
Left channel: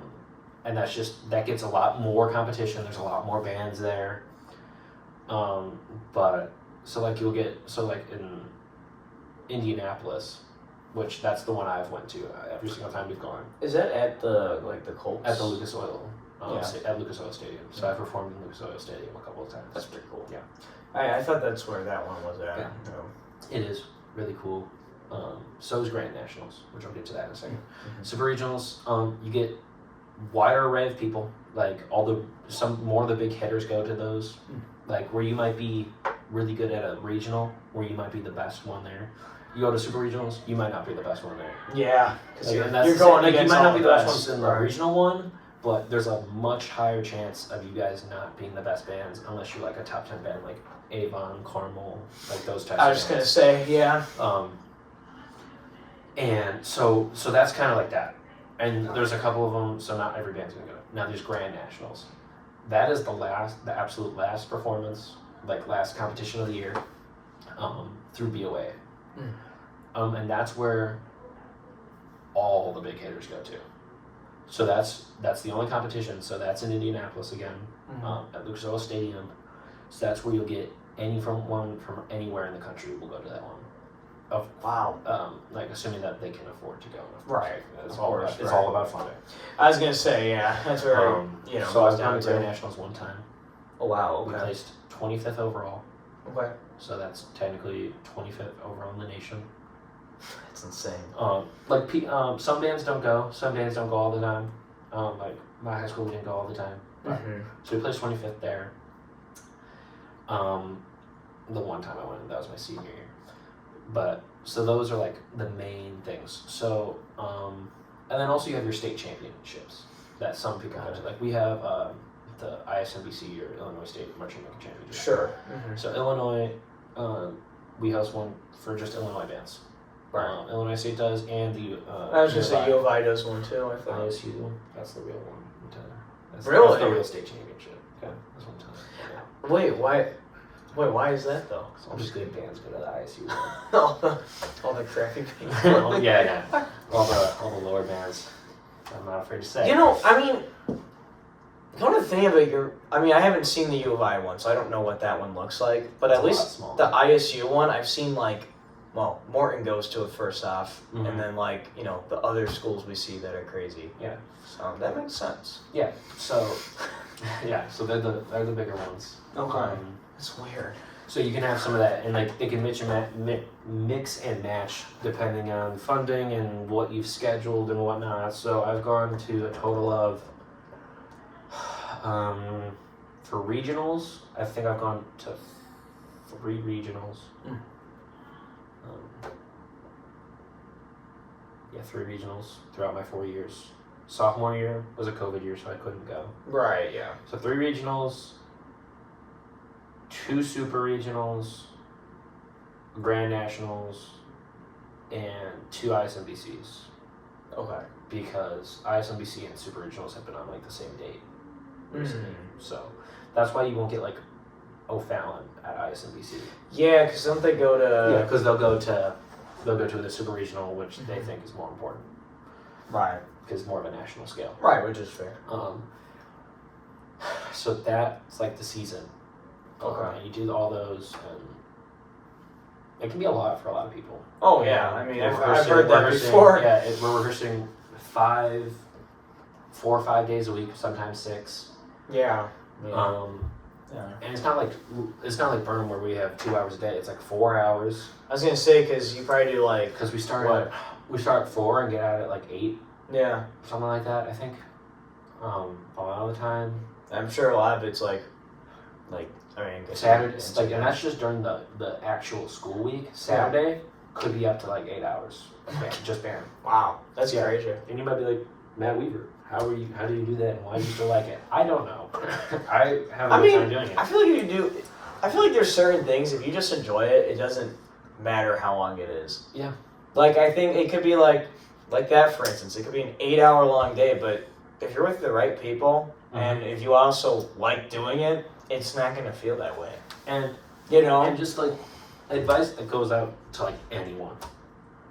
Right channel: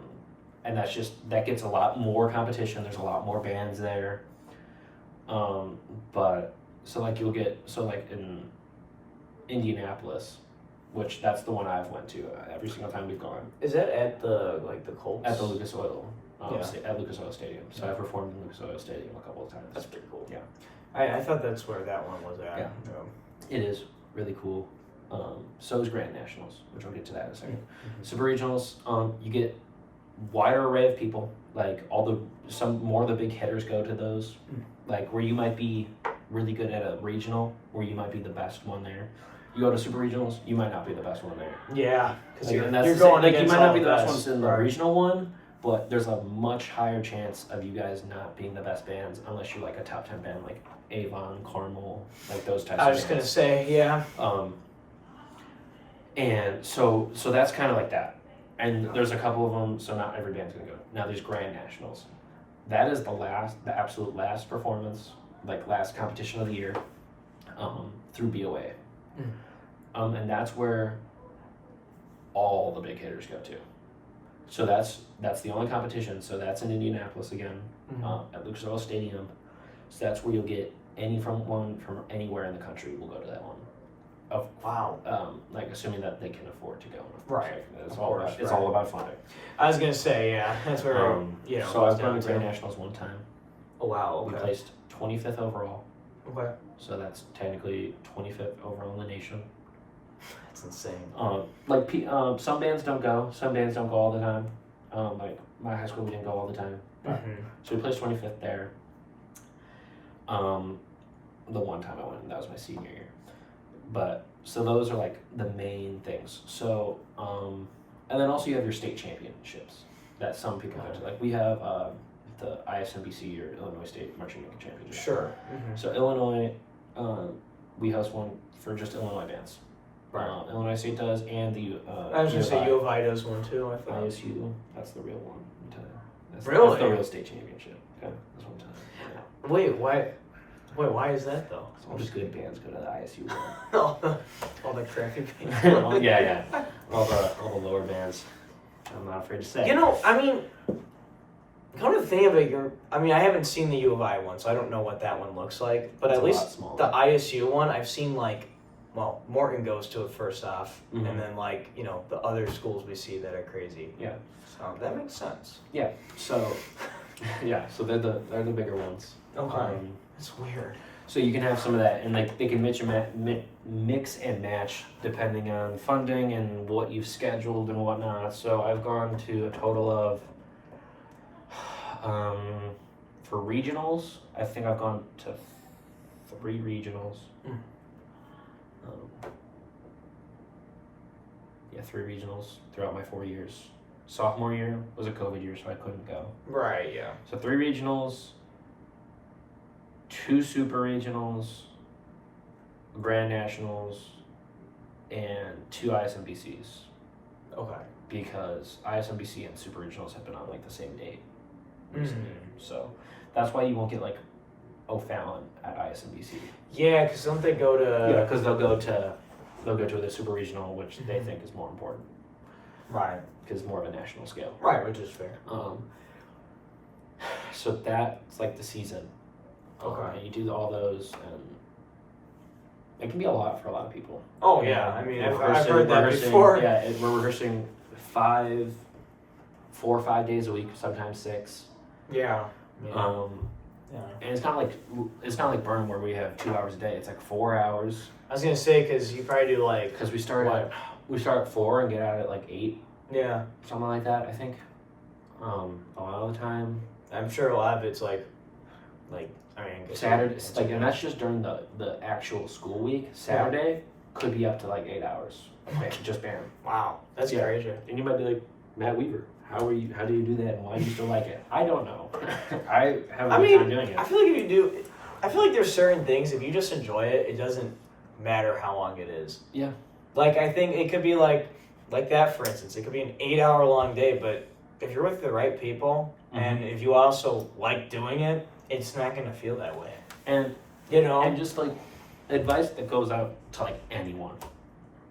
And that gets a lot more competition. There's a lot more bands there. But so like in Indianapolis, which that's the one I've went to every single time we've gone. Is that at the Colts? At the Lucas Oil. Yeah. At Lucas Oil Stadium. So I performed in Lucas Oil Stadium a couple of times. That's pretty cool. Yeah. I thought that's where that one was at. Yeah. It is really cool. So is Grand Nationals, which I'll get to that in a second. Mm-hmm. Super Regionals, you get wider array of people. Like some more of the big hitters go to those. Like where you might be really good at a regional, where you might be the best one there. You go to Super Regionals, you might not be the best one there. Yeah, because Like, you're going like you against might not all be the the best best. ones in the regional one, but there's a much higher chance of you guys not being the best bands unless you're like a top 10 band like Avon, Carmel, like those types I of was just bands. gonna say, yeah. And so that's kind of like that. And there's a couple of them, so not every band's gonna go. Now there's Grand Nationals. That is the absolute last performance, like last competition of the year, through BOA. And that's where all the big hitters go to. So that's the only competition. So that's in Indianapolis again, at Lucas Oil Stadium. So that's where you'll get anyone from anywhere in the country will go to that one. Wow. Like assuming that they can afford to go. Right. It's all about funding. I was gonna say, yeah, that's where So I've down gone to Grand to. Nationals one time. Oh wow. We Okay. placed 25th overall. Okay. So that's technically 25th overall in the nation. That's insane. Some bands don't go. Some bands don't go all the time. Like my high school, we didn't go all the time. So we placed 25th there. The one time I went, that was my senior year. But so those are like the main things. So and then also you have your state championships that some people go to. Like we have the ISMBC or Illinois State Marching Band Championship. Sure. So Illinois, we host one for just Illinois bands. Right. Illinois State does, and the I was gonna say U of I does one too. I thought. ISU, that's the real one. That's the real state championship. Okay, that's one time. Yeah. Wait, why is that though? All the good bands go to the ISU one. all the crappy bands. Yeah. All the lower bands. I'm not afraid to say. You know, I mean, come to think of it, I haven't seen the U of I one, so I don't know what that one looks like. But It's at a lot least smaller. the ISU one, I've seen Morton goes to it first off, Mhm. and then the other schools we see that are crazy. Yeah. So that makes sense. Yeah. So so they're the bigger ones. It's weird. So you can have some of that, and like they can mix and match depending on funding and what you've scheduled and whatnot. So I've gone to a total of, for regionals, I think I've gone to 3 regionals. 3 regionals throughout my 4 years. Sophomore year was a COVID year, so I couldn't go. Right. Yeah. So 3 regionals, 2 super regionals, Grand Nationals, and 2 ISMBCs. Okay. Because ISMBC and super regionals have been on like the same date recently. So that's why you won't get like O'Fallon at ISMBC. Yeah, because don't they go to? Yeah, because they'll go to the super regional, which they think is more important. Right. Because it's more of a national scale. Right, which is fair. So that's like the season. Okay. And you do all those, and it can be a lot for a lot of people. Oh yeah, I mean I've Rehearsing- heard that rehearsing- before. Yeah, we're rehearsing 4 or 5 days a week, sometimes 6. Yeah. Yeah. And it's not like Burn where we have 2 hours a day. It's like 4 hours. I was gonna say because you probably do like. Because we start at 4 and get out at like 8. Yeah. Something like that, I think. A lot of the time. I'm sure a lot of it's like Saturday, and that's just during the actual school week. Saturday could be up to like 8 hours. Just band. Wow, that's crazy. And you might be like, Matt Weaver, how do you do that, and why do you still like it? I don't know. I have a good time doing it. I feel like if you do, I feel like there's certain things, if you just enjoy it, it doesn't matter how long it is. Yeah. Like I think it could be like, like that, for instance, it could be an 8-hour long day, but if you're with the right people and if you also like doing it, it's not going to feel that way. And And just like advice that goes out to like anyone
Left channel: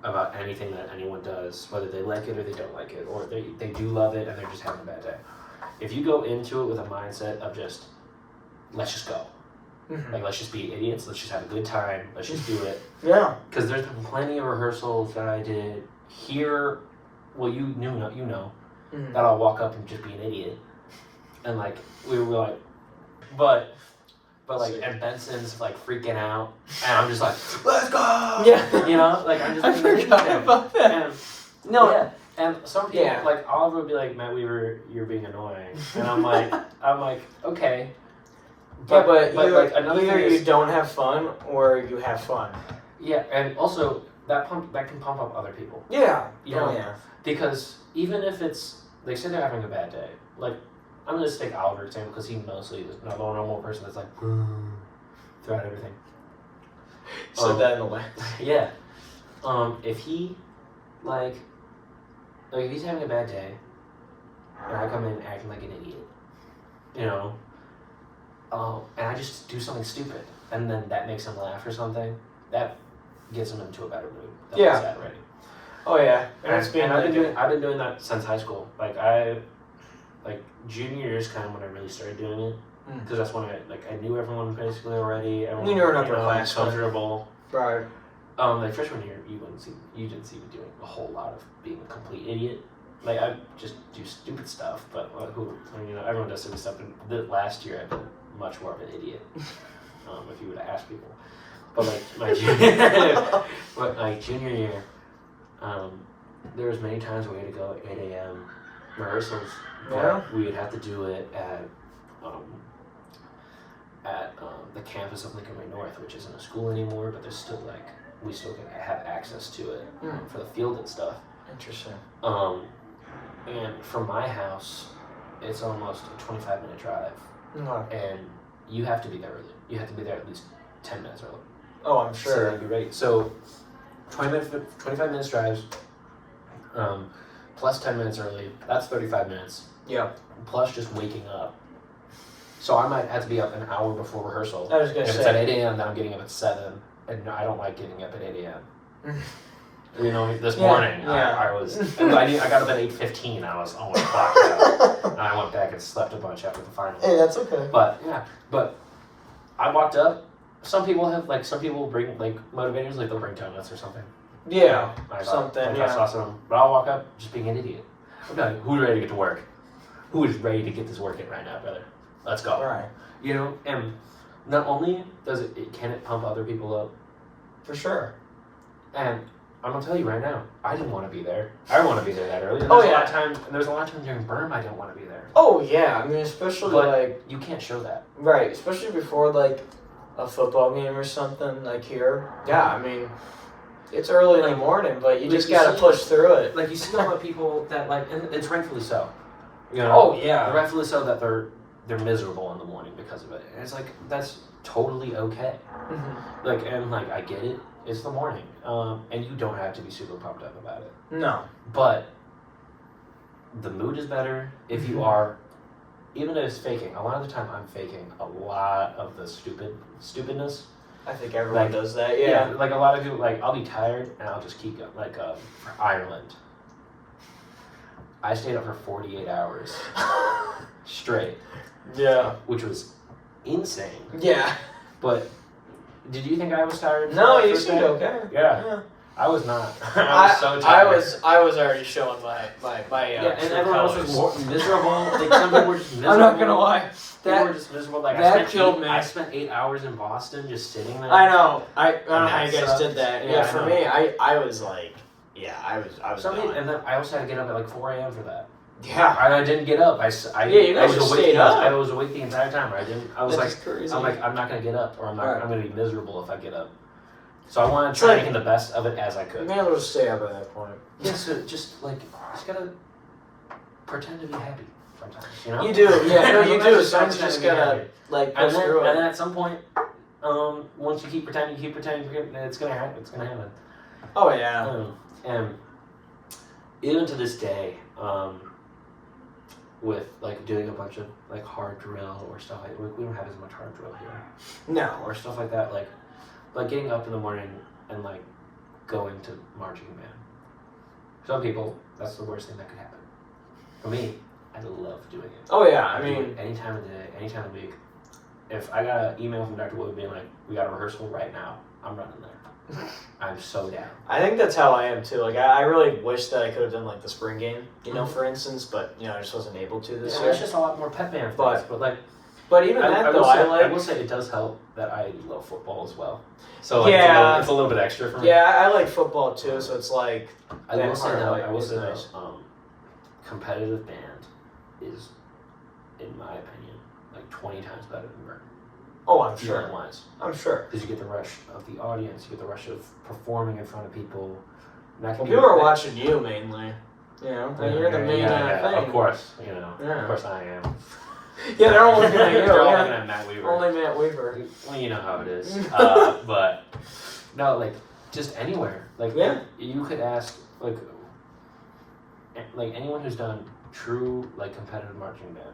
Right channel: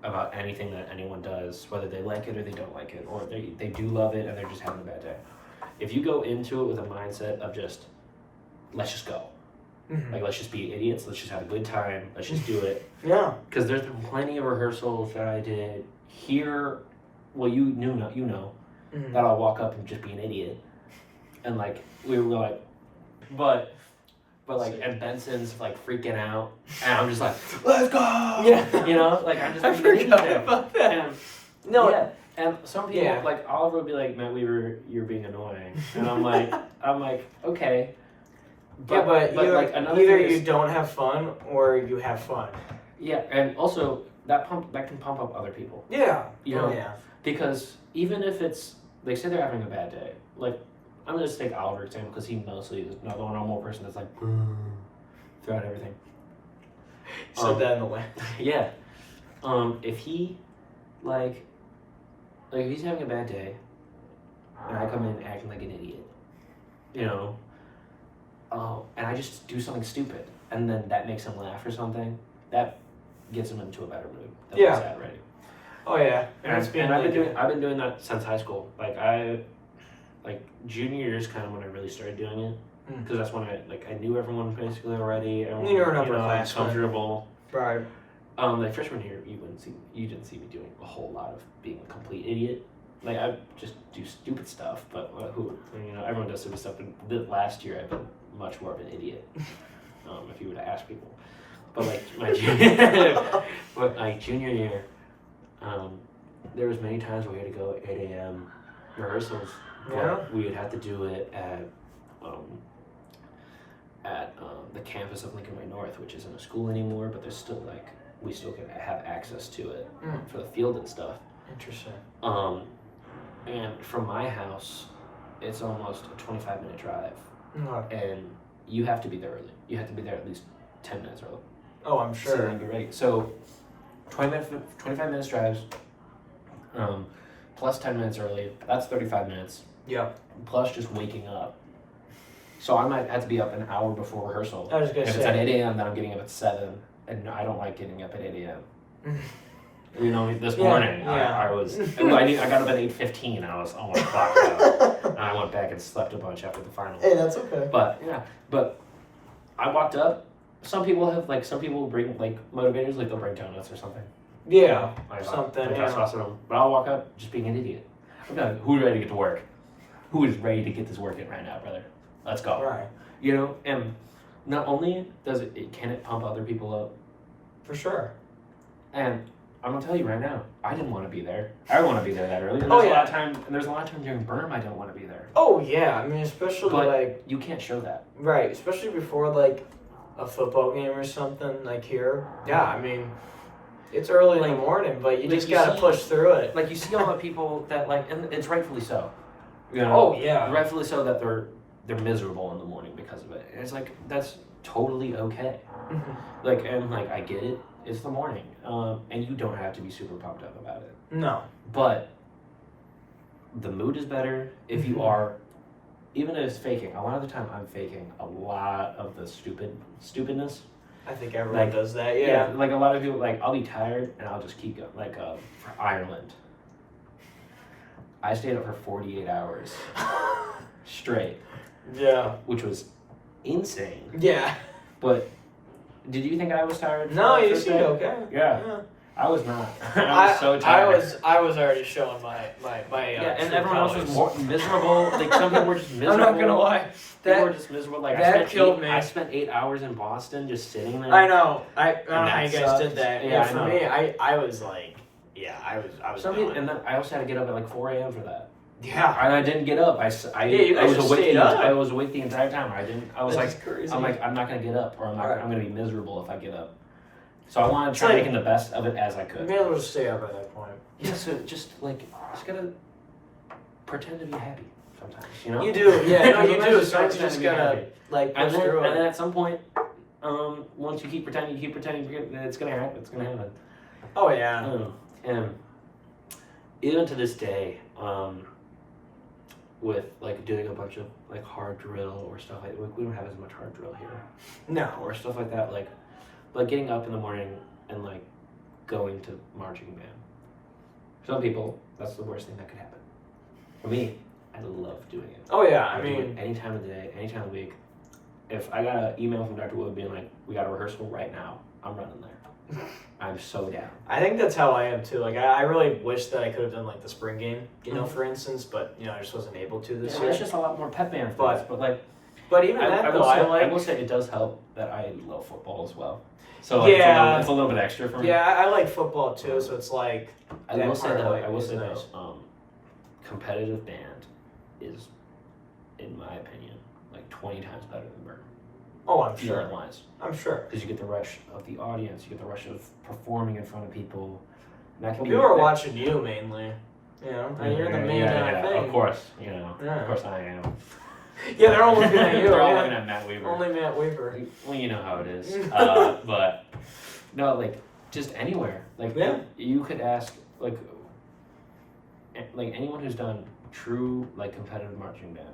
about anything that anyone does, whether they like it or they don't like it, or they do love it and they're just having a bad day. If you go into it with a mindset of just, let's just go. Like, let's just be idiots, let's just have a good time, let's just do it. Yeah. Because there's been plenty of rehearsals that I did here, well, you know, that I'll walk up and just be an idiot. And like, we were like, but like, and Benson's like freaking out, and I'm just like, let's go! Yeah. You know, like, I'm just I forgot about that. And, and some people, like, Oliver would be like, Matt Weaver, you're being annoying. And I'm like, okay. But like another either thing is, you don't have fun or you have fun. Yeah, and also that can pump up other people. Yeah. You know, because even if it's, they say they're having a bad day, like, I'm going to take Oliver example because he mostly is not a normal person that's like throughout everything. Said that in a way. Yeah. If he like if he's having a bad day and I come in acting like an idiot, you know, and I just do something stupid and then that makes him laugh or something, that gets him into a better mood than he's at already. Oh yeah. And I've been doing that since high school. Like junior year is kind of when I really started doing it, because that's when I knew everyone basically already. You were an upper class, comfortable. Right. Like freshman year, you didn't see me doing a whole lot of being a complete idiot. Like I just do stupid stuff, but everyone does stupid stuff. And last year I've been much more of an idiot. If you were to ask people, but like my junior year, there was many times we had to go at 8 a.m. rehearsals. But we would have to do it at the campus of Lincoln Way North, which isn't a school anymore, but there's still we still can have access to it for the field and stuff. Interesting. And from my house, it's almost a 25-minute drive, and you have to be there early. You have to be there at least 10 minutes early. Oh, I'm sure. So that'd be great. So 25 minutes drives, plus 10 minutes early, that's 35 minutes. Yeah. Plus just waking up. So I might have to be up an hour before rehearsal. I was going to say. If it's at 8 a.m., then I'm getting up at 7. And I don't like getting up at 8 a.m. You know, this morning, I got up at 8:15. I was almost clocked out. And I went back and slept a bunch after the final. Hey, that's okay. But I walked up. Some people bring motivators, like they'll bring donuts or something. Yeah, something. But I'll walk up just being an idiot. I'm like, who's ready to get to work? Who is ready to get this work in right now, brother? Let's go. Right. You know, and not only can it pump other people up. For sure. And I'm gonna tell you right now, I didn't want to be there. I don't want to be there that early. And there's a lot of times during Berm I don't want to be there. Oh yeah, I mean especially you can't show that. Right, especially before a football game or something here. Yeah, I mean it's early in the morning, but you just gotta push through it. Like you see all the people that and it's rightfully so. You know? Oh yeah. Rightfully so that they're miserable in the morning because of it. And it's that's totally okay. And I get it. It's the morning, and you don't have to be super pumped up about it. No. But the mood is better if you are, even if it's faking. A lot of the time, I'm faking a lot of the stupidness. I think everyone does that. Yeah. A lot of people I'll be tired and I'll just keep going. For Ireland, I stayed up for 48 hours straight. Yeah. Which was insane. Yeah. But did you think I was tired? No, you seemed okay. Yeah. I was not. I was so tired. I was already showing my and everyone else was more miserable. Some people were just miserable. I'm not gonna lie. People were just miserable. That killed me. I spent 8 hours in Boston just sitting there. I know. I don't know how you guys did that. Yeah, for me, I was I was and then I also had to get up at 4 a.m. for that. Yeah. I didn't get up. I was awake. I was awake the entire time. I was crazy. I'm not gonna get up, or I'm gonna be miserable if I get up. So I wanted to try making the best of it as I could. You may as well just stay up at that point. Yeah, so just gotta pretend to be happy sometimes, you know? You do, yeah. No, you do. Sometimes you just gotta and then at some point, once you keep pretending, it's gonna happen. It's gonna happen. Oh yeah. even to this day, with like doing a bunch of like hard drill or stuff like we don't have as much hard drill here. No. Or stuff like that, like getting up in the morning and like going to marching band. Some people, that's the worst thing that could happen. For me, I love doing it. Oh yeah, I mean, any time of the day, any time of the week. If I got an email from Dr. Wood being like, "We got a rehearsal right now," I'm running there. I'm so down. I think that's how I am too. Like I really wish that I could have done like the spring game, you know, Mhm. for instance, but you know, I just wasn't able to this Yeah, year. it's just a lot more pep band things, but like. But even I that will though, say, I will like. say it does help that I love football as well. So like, Yeah. it's a little bit extra for me. Yeah, I like football too, so it's like. I that will say part, though, like, I will is say nice. though, competitive band is, in my opinion, like 20 times better than Burn. Oh, I'm sure. Wise. I'm sure. Because you get the rush of the audience, you get the rush of performing in front of people. And that can be People are watching you mainly. You know, and you're the main yeah, thing. of course, you know, Yeah. of course I am. Yeah, they're all looking at you. They're all yeah. looking at Matt Weaver. Only Matt Weaver. Well, you know how it is. But no, like just anywhere. Like Yeah. you could ask like anyone who's done true like competitive marching band.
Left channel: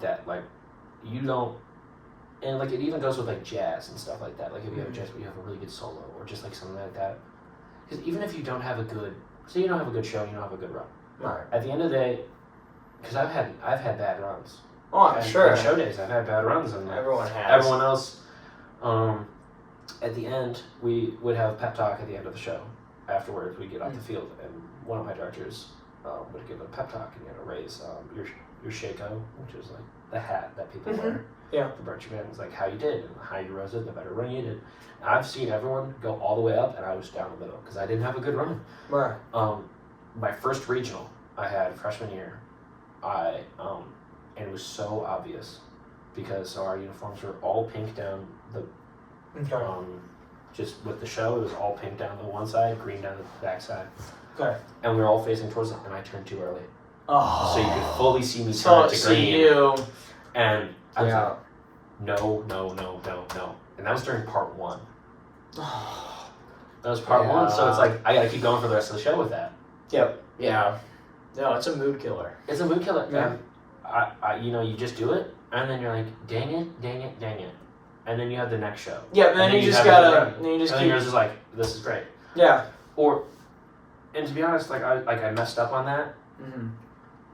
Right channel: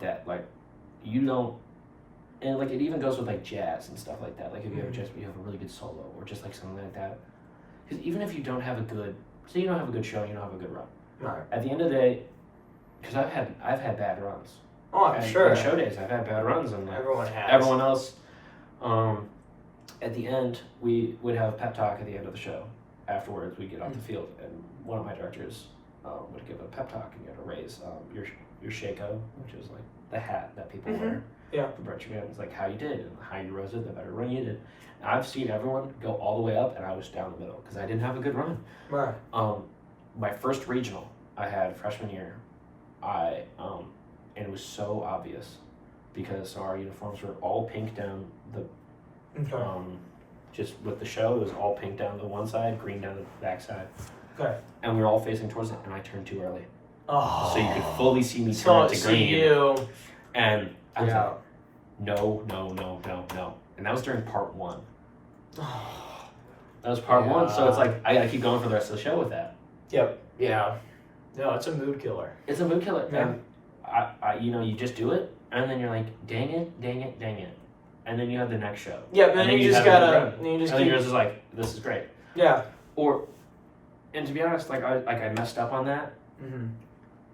That like you don't, and like it even goes with like jazz and stuff like that. Like if you have a jazz, but you have a really good solo or just like something like that. Because even if you don't have a good, say you don't have a good show, you don't have a good run. Right. At the end of the day, because I've had bad runs. Oh, I'm And sure. on show days, I've had bad runs, and like, Everyone has. everyone else. At the end, we would have a pep talk at the end of the show. Afterwards, we get off the field, and one of my directors would give a pep talk, and you had to raise your shako, which is like the hat that people wear. Yeah. The marching band is like how you did, and the higher you rose it, the better run you did. And I've seen everyone go all the way up, and I was down the middle because I didn't have a good run. Right. My first regional I had freshman year, and it was so obvious because our uniforms were all pink down the Okay. just with the show, it was all pink down the one side, green down the back side. Okay. And we were all facing towards it, and I turned too early. Oh. So you could fully see me So turn to see green. you. And I was Yeah. like, no. And that was during part one. That was part one, so it's like, I gotta keep going for the rest of the show with that. Yep. Yeah. No, it's a mood killer. It's a mood killer. Yeah. And I you just do it, and then you're like, dang it. And then you have the next show. Yeah, but then you just have gotta, it again. you just And then keep, yours is like, this is great. yeah. And to be honest, I messed up on that. Mm-hmm.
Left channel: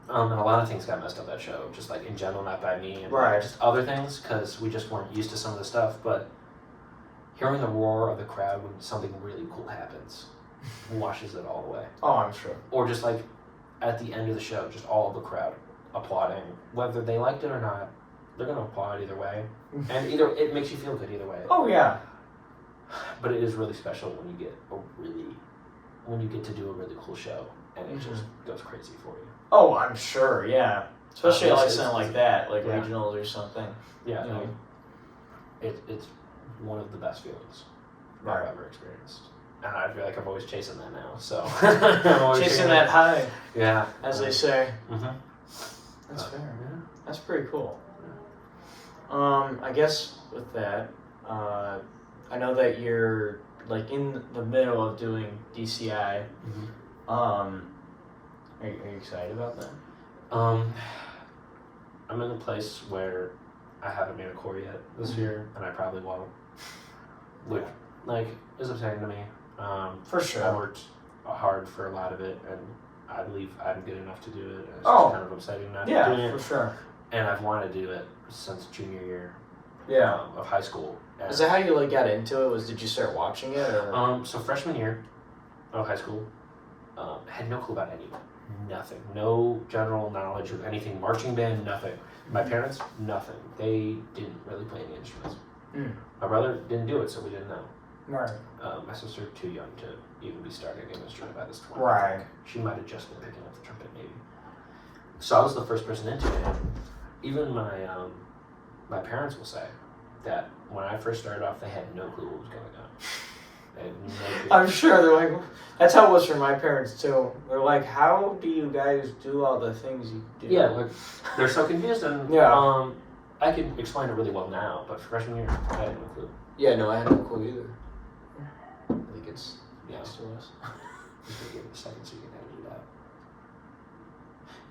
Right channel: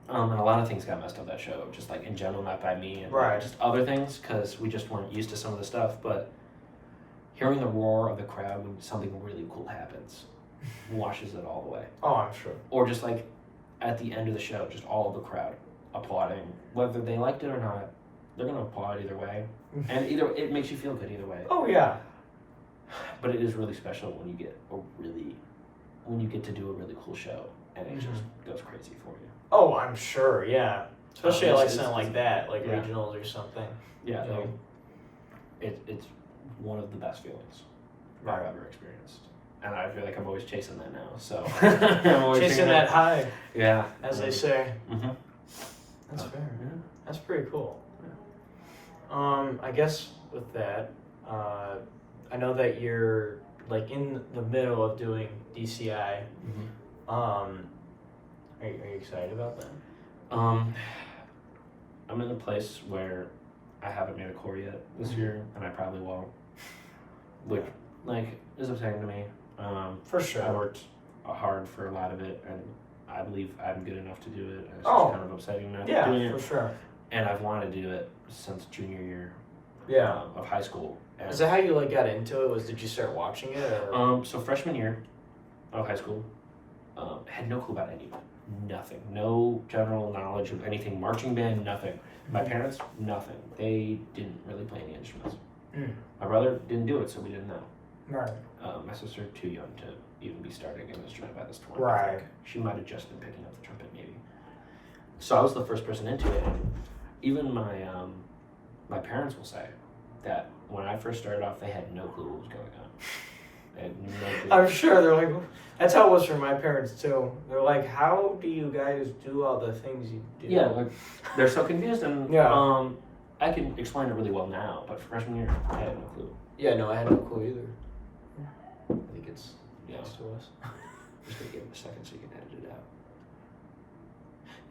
And a lot of things got messed up that show, just like in general, not by me, and Right. just other things, because we just weren't used to some of the stuff. But hearing the roar of the crowd when something really cool happens washes it all away. Oh, I'm sure. Or just like at the end of the show, just all of the crowd applauding, whether they liked it or not, they're gonna applaud either way, and it makes you feel good either way. Oh yeah. But it is really special when you get to do a really cool show, and it just goes crazy for you. Oh, I'm sure. Yeah. Especially It's- like it's- something like that, like yeah. regionals or something. Yeah, Yeah. It's one of the best feelings Right. I've ever experienced, and I feel like I'm always chasing that now. So I'm always Chasing that high, Yeah, as they say. Mm-hmm. That's fair. Yeah. That's pretty cool. I guess with that, I know that you're like in the middle of doing DCI. Mm-hmm. Are you excited about that? I'm in a place where I haven't made a core yet this year, and I probably won't. Which, like, is upsetting to me. For sure. I worked hard for a lot of it, and I believe I'm good enough to do it. And it's Oh. just kind of upsetting not Yeah, doing it. for sure. And I've wanted to do it since junior year Yeah. of high school. And, Is that how you like got into it? Did you start watching it or? so freshman year of high school, had no clue about any of it. Nothing. No general knowledge of anything. Marching band, nothing. My parents, nothing. They didn't really play any instruments. Mm. My brother didn't do it, so we didn't know. Right. My sister, too young to even be starting an instrument by this point. Right. She might have just been picking up the trumpet, maybe. So I was the first person into it. Even my parents will say that when I first started off, they had no clue what was going on. They had no clue. I'm sure they're like, that's how it was for my parents too. They're like, how do you guys do all the things you do? Yeah, like they're so confused, and Yeah. I can explain it really well now, but freshman year, I had no clue. Yeah, no, I had no clue either. I think it's next to us. I'm just gonna give it a second so you can edit it out.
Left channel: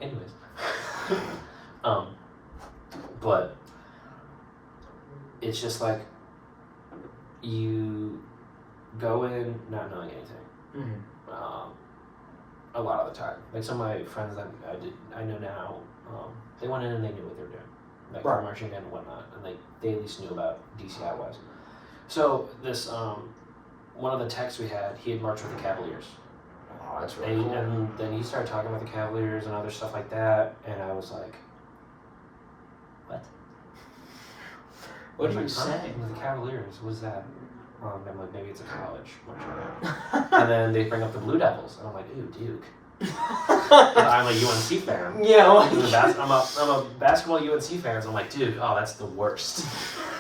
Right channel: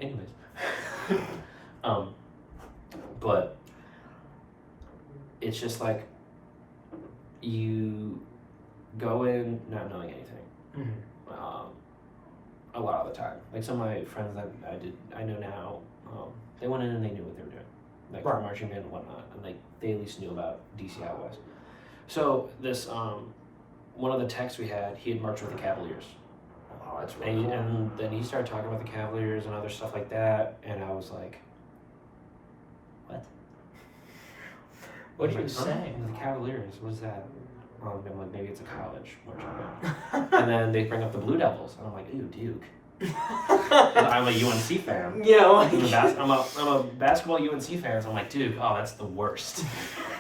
Anyways, but it's just like you go in not knowing anything. A lot of the time, like some of my friends that I know now, they went in and they knew what they were doing, like for marching band and whatnot, and like they at least knew about DCI was. So this one of the techs we had, he had marched with the Cavaliers. Oh, that's really cool. And then he started talking about the Cavaliers and other stuff like that, and I was like, what? What did you say? The Cavaliers, what was that? Well, I'm like, maybe it's a college. And then they bring up the Blue Devils, and I'm like, ooh, Duke. I'm a UNC fan. Yeah, like... I'm a basketball UNC fan, so I'm like, Duke, oh, that's the worst.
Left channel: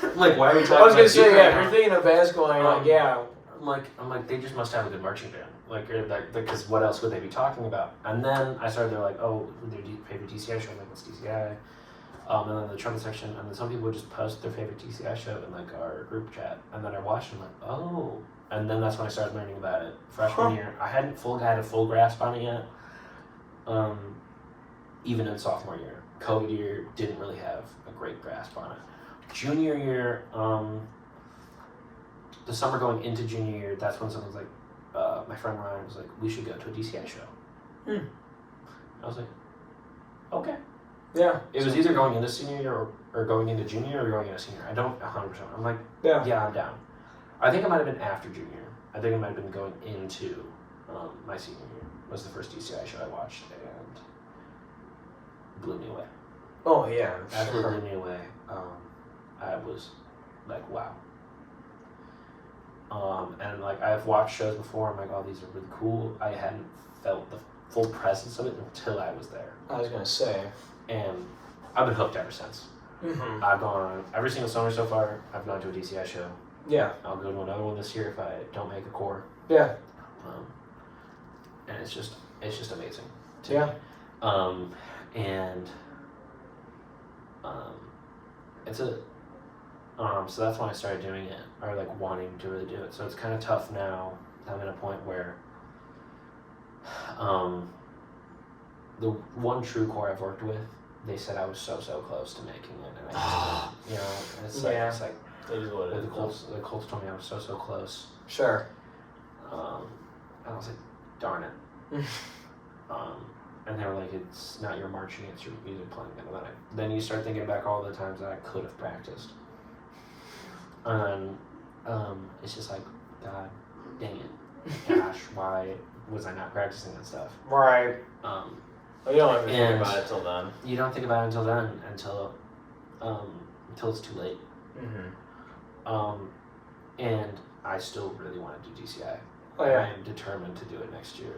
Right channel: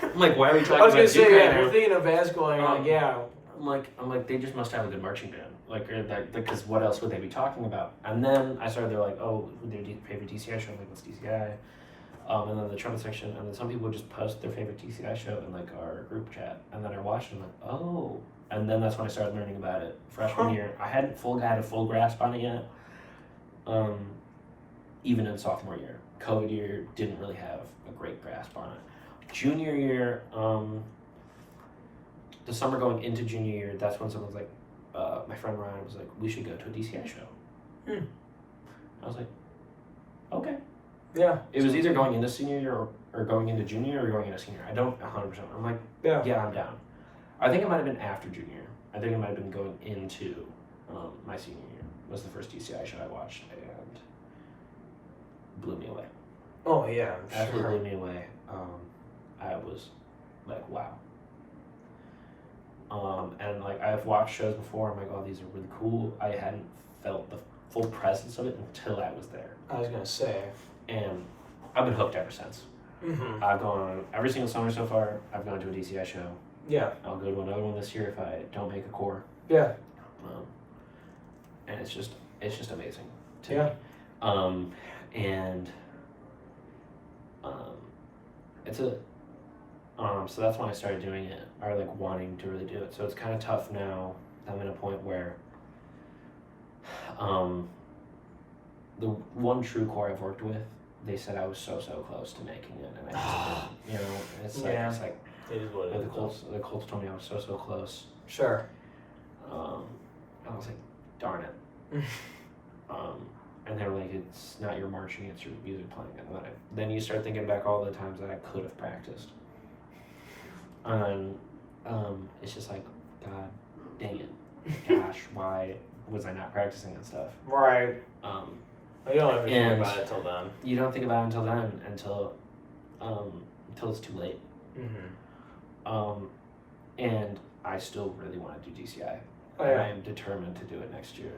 I'm like, why are we talking about I was gonna Duke say, right yeah, now? you're thinking of basketball, and you're like, yeah. I'm like, they just must have a good marching band. Like, because what else would they be talking about? And then I started, they're like, oh, their favorite DCI show. I'm like, what's DCI? And then the trumpet section, and then some people would just post their favorite DCI show in like our group chat, and then I watched and I'm like, oh, and then that's when I started learning about it. Freshman year, I had a full grasp on it yet. Even in sophomore year, COVID year, didn't really have a great grasp on it. Junior year, the summer going into junior year, that's when someone was like, my friend Ryan was like, we should go to a DCI show. I was like, okay. Yeah. It was either going into senior year or going into junior or going into senior. I don't 100%. I'm like, yeah, I'm down. I think it might have been after junior. I think it might have been going into my senior year was the first DCI show I watched and blew me away. Oh, yeah. After it blew me away, I was like, wow. And like I've watched shows before. I'm like, oh, these are really cool. I hadn't felt the full presence of it until I was there. I was gonna say. And I've been hooked ever since. I've gone on every single summer so far. I've gone to a DCI show. Yeah. I'll go to another one this year if I don't make a core. Yeah. And it's just amazing to me. And it's a so that's when I started doing it, or like wanting to really do it. So it's kind of tough now. I'm at a point where the one true core I've worked with, they said I was so close to making it, and I just, and it's like, yeah. it's like It is what it is. the Colts told me I was so close. Sure. I was like, darn it. And they were like, it's not your marching, it's your music playing. And then you start thinking back all the times that I could have practiced. And it's just like, God dang it. Gosh, why was I not practicing and stuff? Right. You don't ever think about it till then. You don't think about it until then, until it's too late. And I still really want to do DCI. Oh, yeah. I am determined to do it next year.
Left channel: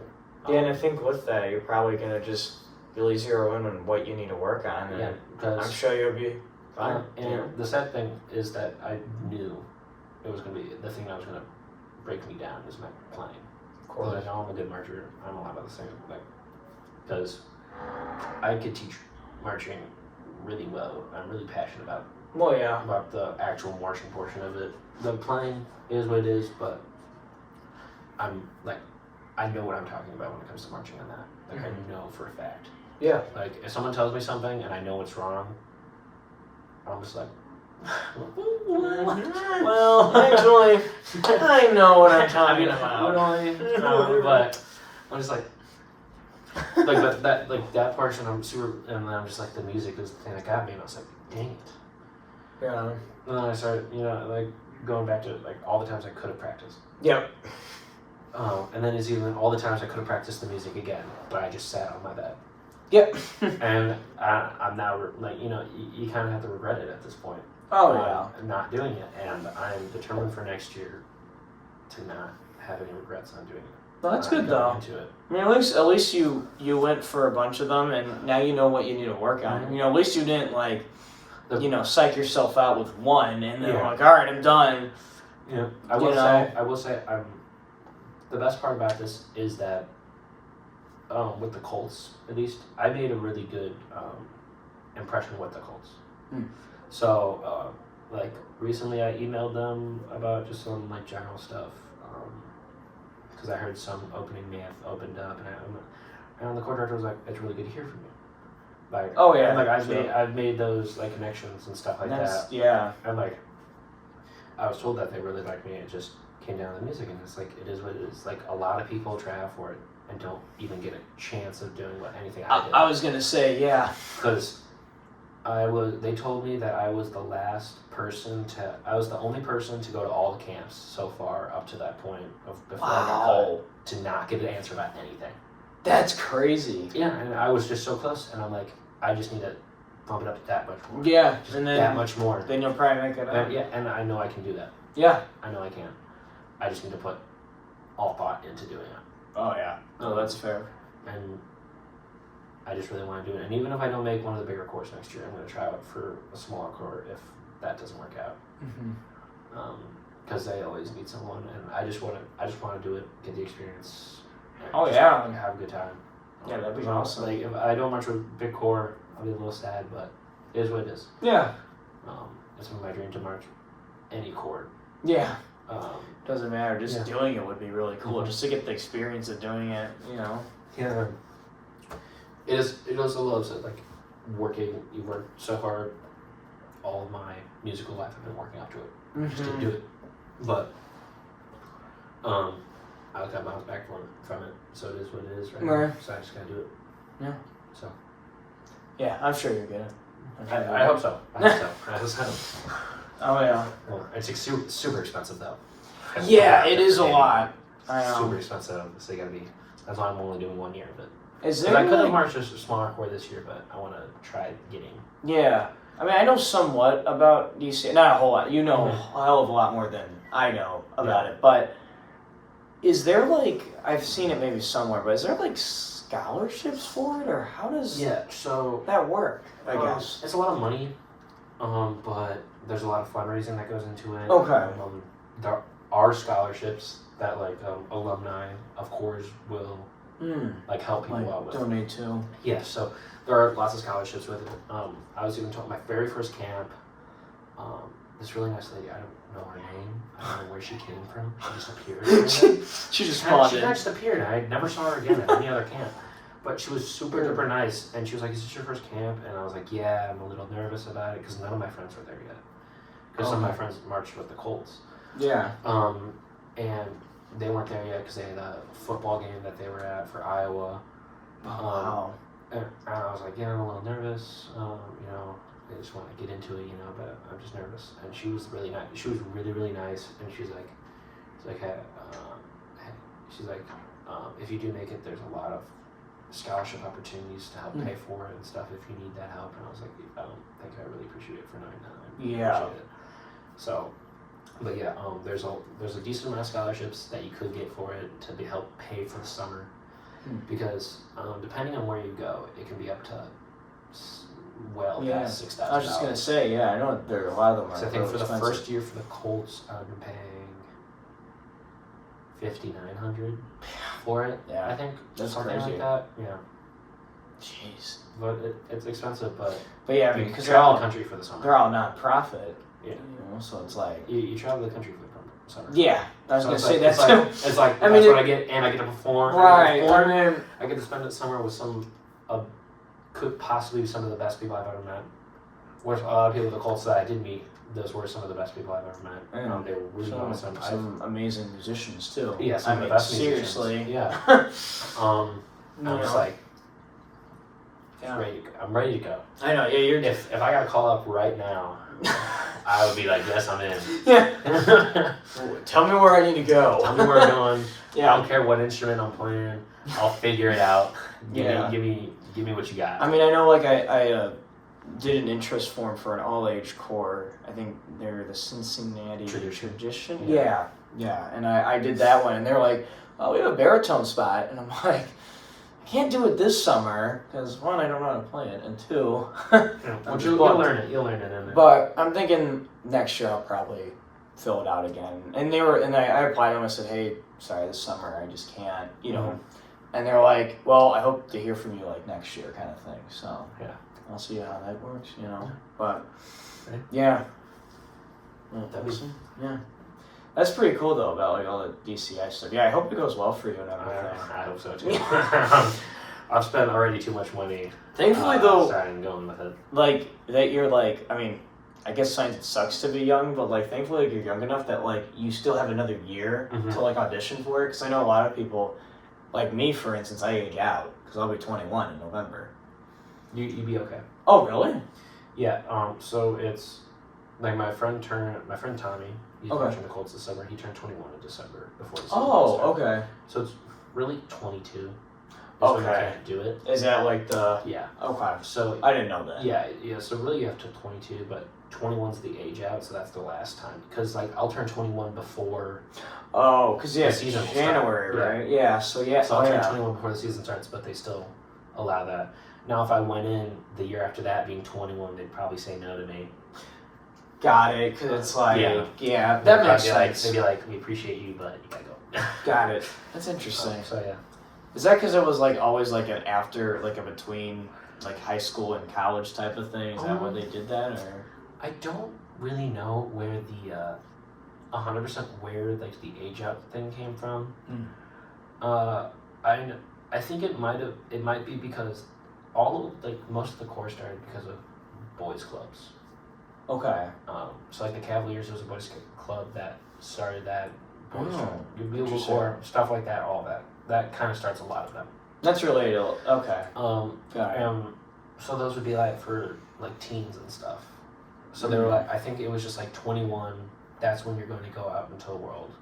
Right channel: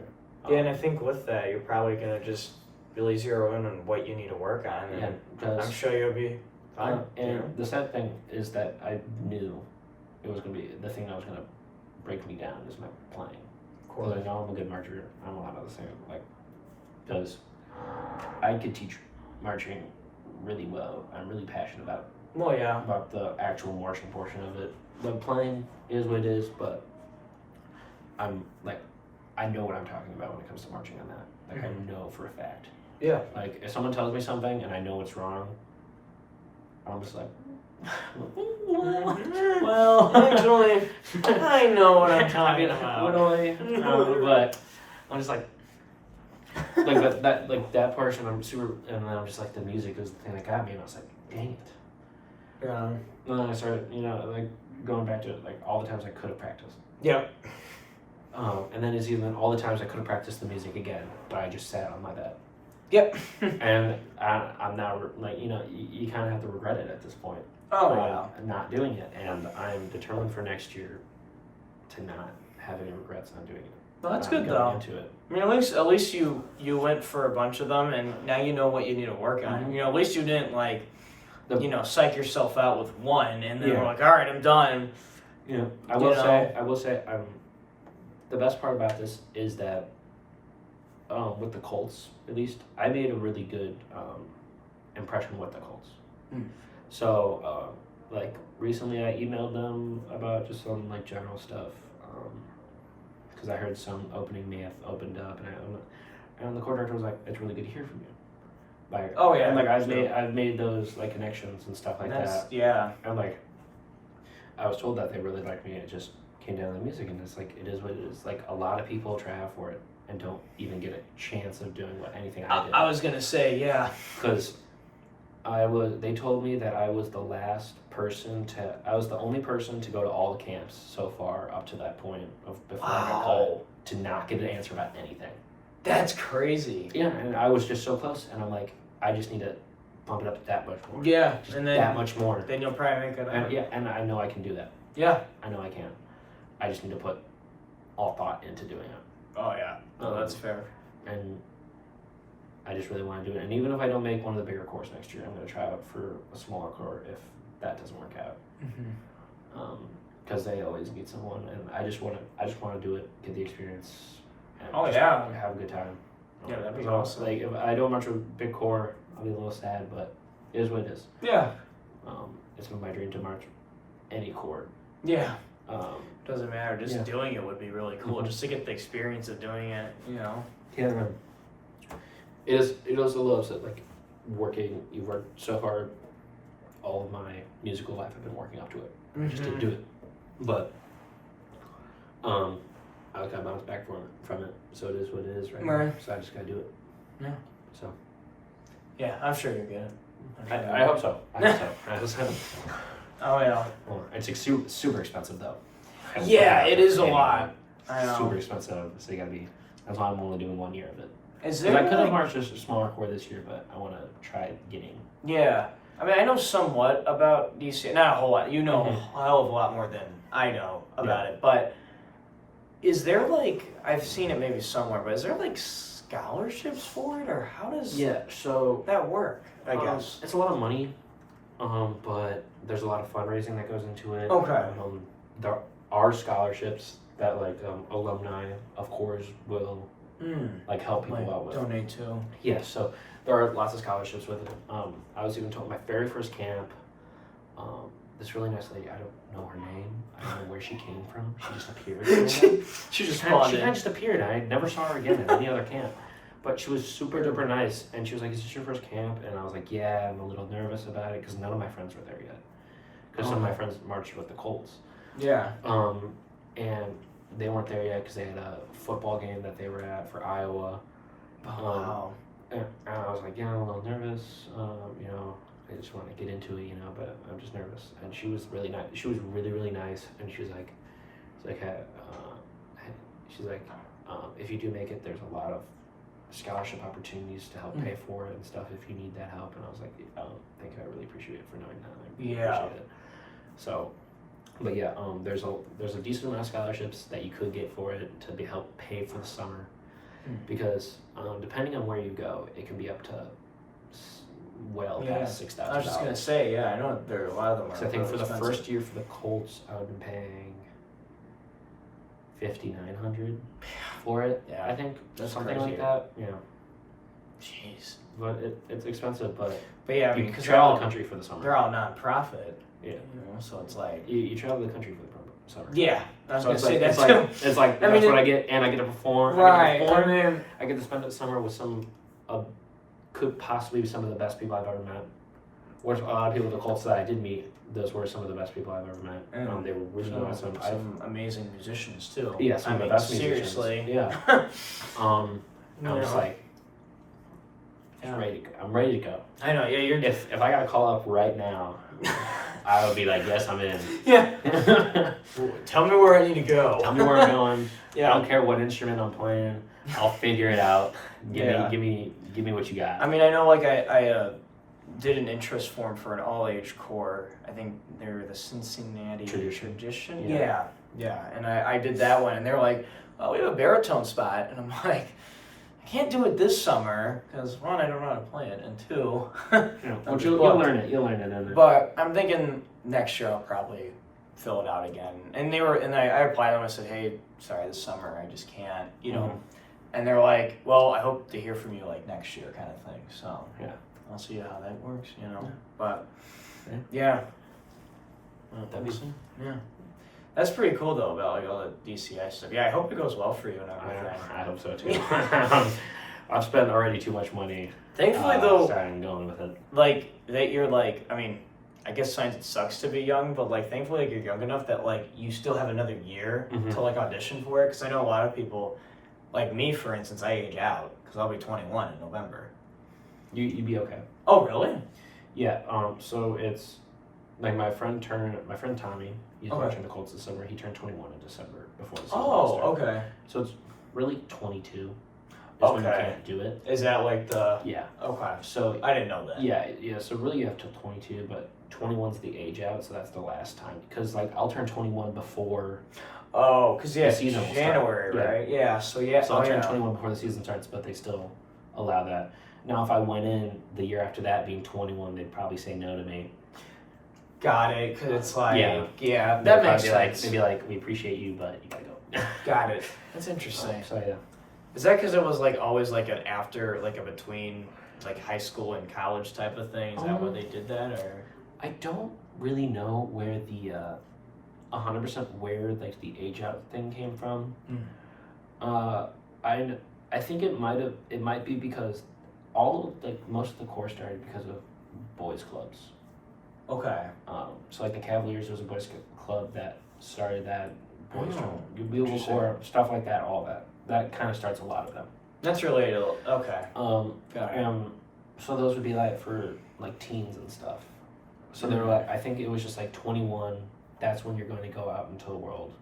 Yeah, and I think with that, you're probably going to just really zero in on what you need to work on. And I'm sure you'll be fine. And the sad thing is that I knew it was going to be the thing that was going to break me down is my playing. Of course. Because I know I'm a good marcher. I'm a lot of the same. Because I could teach marching really well. I'm really passionate about about the actual marching portion of it. The playing is what it is, but I'm like, I know what I'm talking about when it comes to marching on that. Like, I know for a fact. Yeah. Like, if someone tells me something and I know it's wrong, I'm just like, well, actually, I know what I'm talking about. But I'm just like that portion, I'm super, and then I'm just like, the music is the thing that got me, and I was like, dang it. Yeah. And then I started, like, going back to, like, all the times I could have practiced. Yep. And then it's even all the times I could have practiced the music again, but I just sat on my bed. Yep. And I'm now, like, you kind of have to regret it at this point. Oh, yeah. Not doing it, and I'm determined for next year to not have any regrets on doing it. Well, that's good though. Into it. I mean, at least you went for a bunch of them, and now you know what you need to work on. At least you didn't psych yourself out with one, and then we're like, all right, I'm done. Yeah, I will say, the best part about this is that, with the Colts, at least, I made a really good impression with the Colts. So, recently I emailed them about just some, general stuff. because I heard some opening may have opened up, and the chord director was like, "It's really good to hear from you." Like, Oh, yeah, and like sure. I've made those like connections and stuff like that. Yeah. And like, I was told that they really liked me. It just came down to the music, and it's like it is what it is. Like a lot of people try out for it and don't even get a chance of doing anything I did. I was gonna say, yeah. Because they told me that I was the only person to go to all the camps so far up to that point before I got cut, to not get an answer about anything. That's crazy. Yeah, and I was just so close, and I'm like, I just need to bump it up that much more. Yeah, just and then that much more. Then you'll probably make it up. Yeah, and I know I can do that. Yeah. I know I can. I just need to put all thought into doing it. Oh yeah. No, that's fair. And I just really want to do it. And even if I don't make one of the bigger course next year, I'm going to try out for a smaller court if that doesn't work out. Because they always beat someone, and I just want to do it, get the experience. And have a good time. Yeah, that'd be awesome. Like if I don't march with big core, I'll be a little sad, but it is what it is. Yeah. It's been my dream to march any court. Yeah. Doesn't matter. Just doing it would be really cool. Mm-hmm. Just to get the experience of doing it, you know. Yeah. It is a little upset. Like you work so hard. All of my musical life, I've been working up to it. I just didn't do it. But I got bounced back from it. So it is what it is right now. So I just gotta do it. Yeah. So. Yeah, I'm sure you're good. I hope so. I hope so. Oh yeah. Well, it's super expensive though. Yeah, it is a lot. I know. Super expensive. So you gotta be. That's why I'm only doing 1 year of it. Is there? I could have marched just a smaller core this year, but I want to try getting. Yeah, I mean, I know somewhat about DC. Not a whole lot. You know a hell of a lot more than I know about it. But is there like, I've seen it maybe somewhere, but is there like scholarships for it, or how does so that work? I guess it's a lot of money, but there's a lot of fundraising that goes into it. Okay. There are scholarships that like alumni, of course, will like help people out with. Donate to. Yeah, so there are lots of scholarships with it. I was even told my very first camp, this really nice lady, I don't know her name, I don't know where she came from, she just appeared. She just spawned in. She just appeared, I never saw her again at any other camp. But she was super duper nice, and she was like, "Is this your first camp?" And I was like, "Yeah, I'm a little nervous about it because none of my friends were there yet. Because some of my friends marched with the Colts. Yeah. And they weren't there yet because they had a football game that they were at for Iowa. Wow. And I was like, "Yeah, I'm a little nervous. You know, I just want to get into it, you know, but I'm just nervous." And she was really nice. She was really, really nice, and she's like, if you do make it, there's a lot of scholarship opportunities to help pay for it and stuff if you need that help. And I was like, thank you, I really appreciate it for knowing that. I appreciate it. So, but yeah, there's a decent amount of scholarships that you could get for it to help pay for the summer, because depending on where you go, it can be up to past $6,000. I was just gonna say, I know there are a lot of them. So I think for the first year for the Colts, I've been paying $5,900 for it. Yeah, I think that's something crazy. like that. Yeah. Jeez. But it's expensive, but yeah, I mean, because they're all the country for the summer. They're all non-profit. Yeah. You know, so it's like you travel the country for the summer. Yeah, I was gonna say that too. It's like I that's mean, what I get, and I get to perform. Right. I get to spend the summer with could possibly be some of the best people I've ever met. Whereas a lot of people at the Colts that I did meet, those were some of the best people I've ever met. They were really awesome. Some amazing musicians too. Yeah, some of the best seriously. musicians. Yeah. I'm just like, I'm ready to go. I know. Yeah, you're. If I got to call up right now, I would be like, yes, I'm in. Yeah. Tell me where I need to go. Tell me where I'm going. Yeah. I don't care what instrument I'm playing. I'll figure it out. Give me what you got. I mean, I know, like I did an interest form for an all-age corps. I think they're the Cincinnati Tradition. Yeah. And I did that one, and they're like, "Oh, we have a baritone spot," and I'm like, "I can't do it this summer because one, I don't know how to play it, and two, you'll learn it. You'll learn it. But I'm thinking next year I'll probably fill it out again. And I applied to them. I said, "Hey, sorry, this summer I just can't," you know. And they're like, "Well, I hope to hear from you like next year," kind of thing. So I'll see how that works, you know. But yeah, that'd be yeah. That's pretty cool though about like all the DCI stuff. Yeah, I hope it goes well for you and everything. I hope so too. I've spent already too much money. Thankfully though, starting going with it. like that you're like, I mean, I guess sometimes it sucks to be young, but like thankfully like, you're young enough that like you still have another year to like audition for it. Because I know a lot of people, like me for instance, I age out because I'll be 21 in November. You'd be okay. Oh really? Yeah. So it's like my friend Tommy. He's watching the Colts this summer. He turned 21 in December before the season started. Okay. So it's really 22. When you can't do it. Is that like the... Yeah. Okay. So I didn't know that. Yeah. So really you have till 22, but 21's the age out, so that's the last time. Because like I'll turn 21 before. Oh, because yeah, the season January, right? Yeah. So yeah. So I'll turn 21 before the season starts, but they still allow that. Now, if I went in the year after that being 21, they'd probably say no to me. Got it. Because it's like that makes sense. They'd be like, we appreciate you, but you gotta go. Got it. That's interesting. So yeah. Is that because it was like always like an after, like a between like high school and college type of thing? Is that where they did that, or? I don't really know where the 100% where like the age out thing came from. I think it might be because most of the core started because of boys clubs. Okay. So like the Cavaliers was a boys club that started that. Boys Core, stuff like that, all that kind of starts a lot of them. That's related. Okay. Got it. So those would be like for like teens and stuff. So they were like, I think it was just like 21. That's when you're going to go out into the world.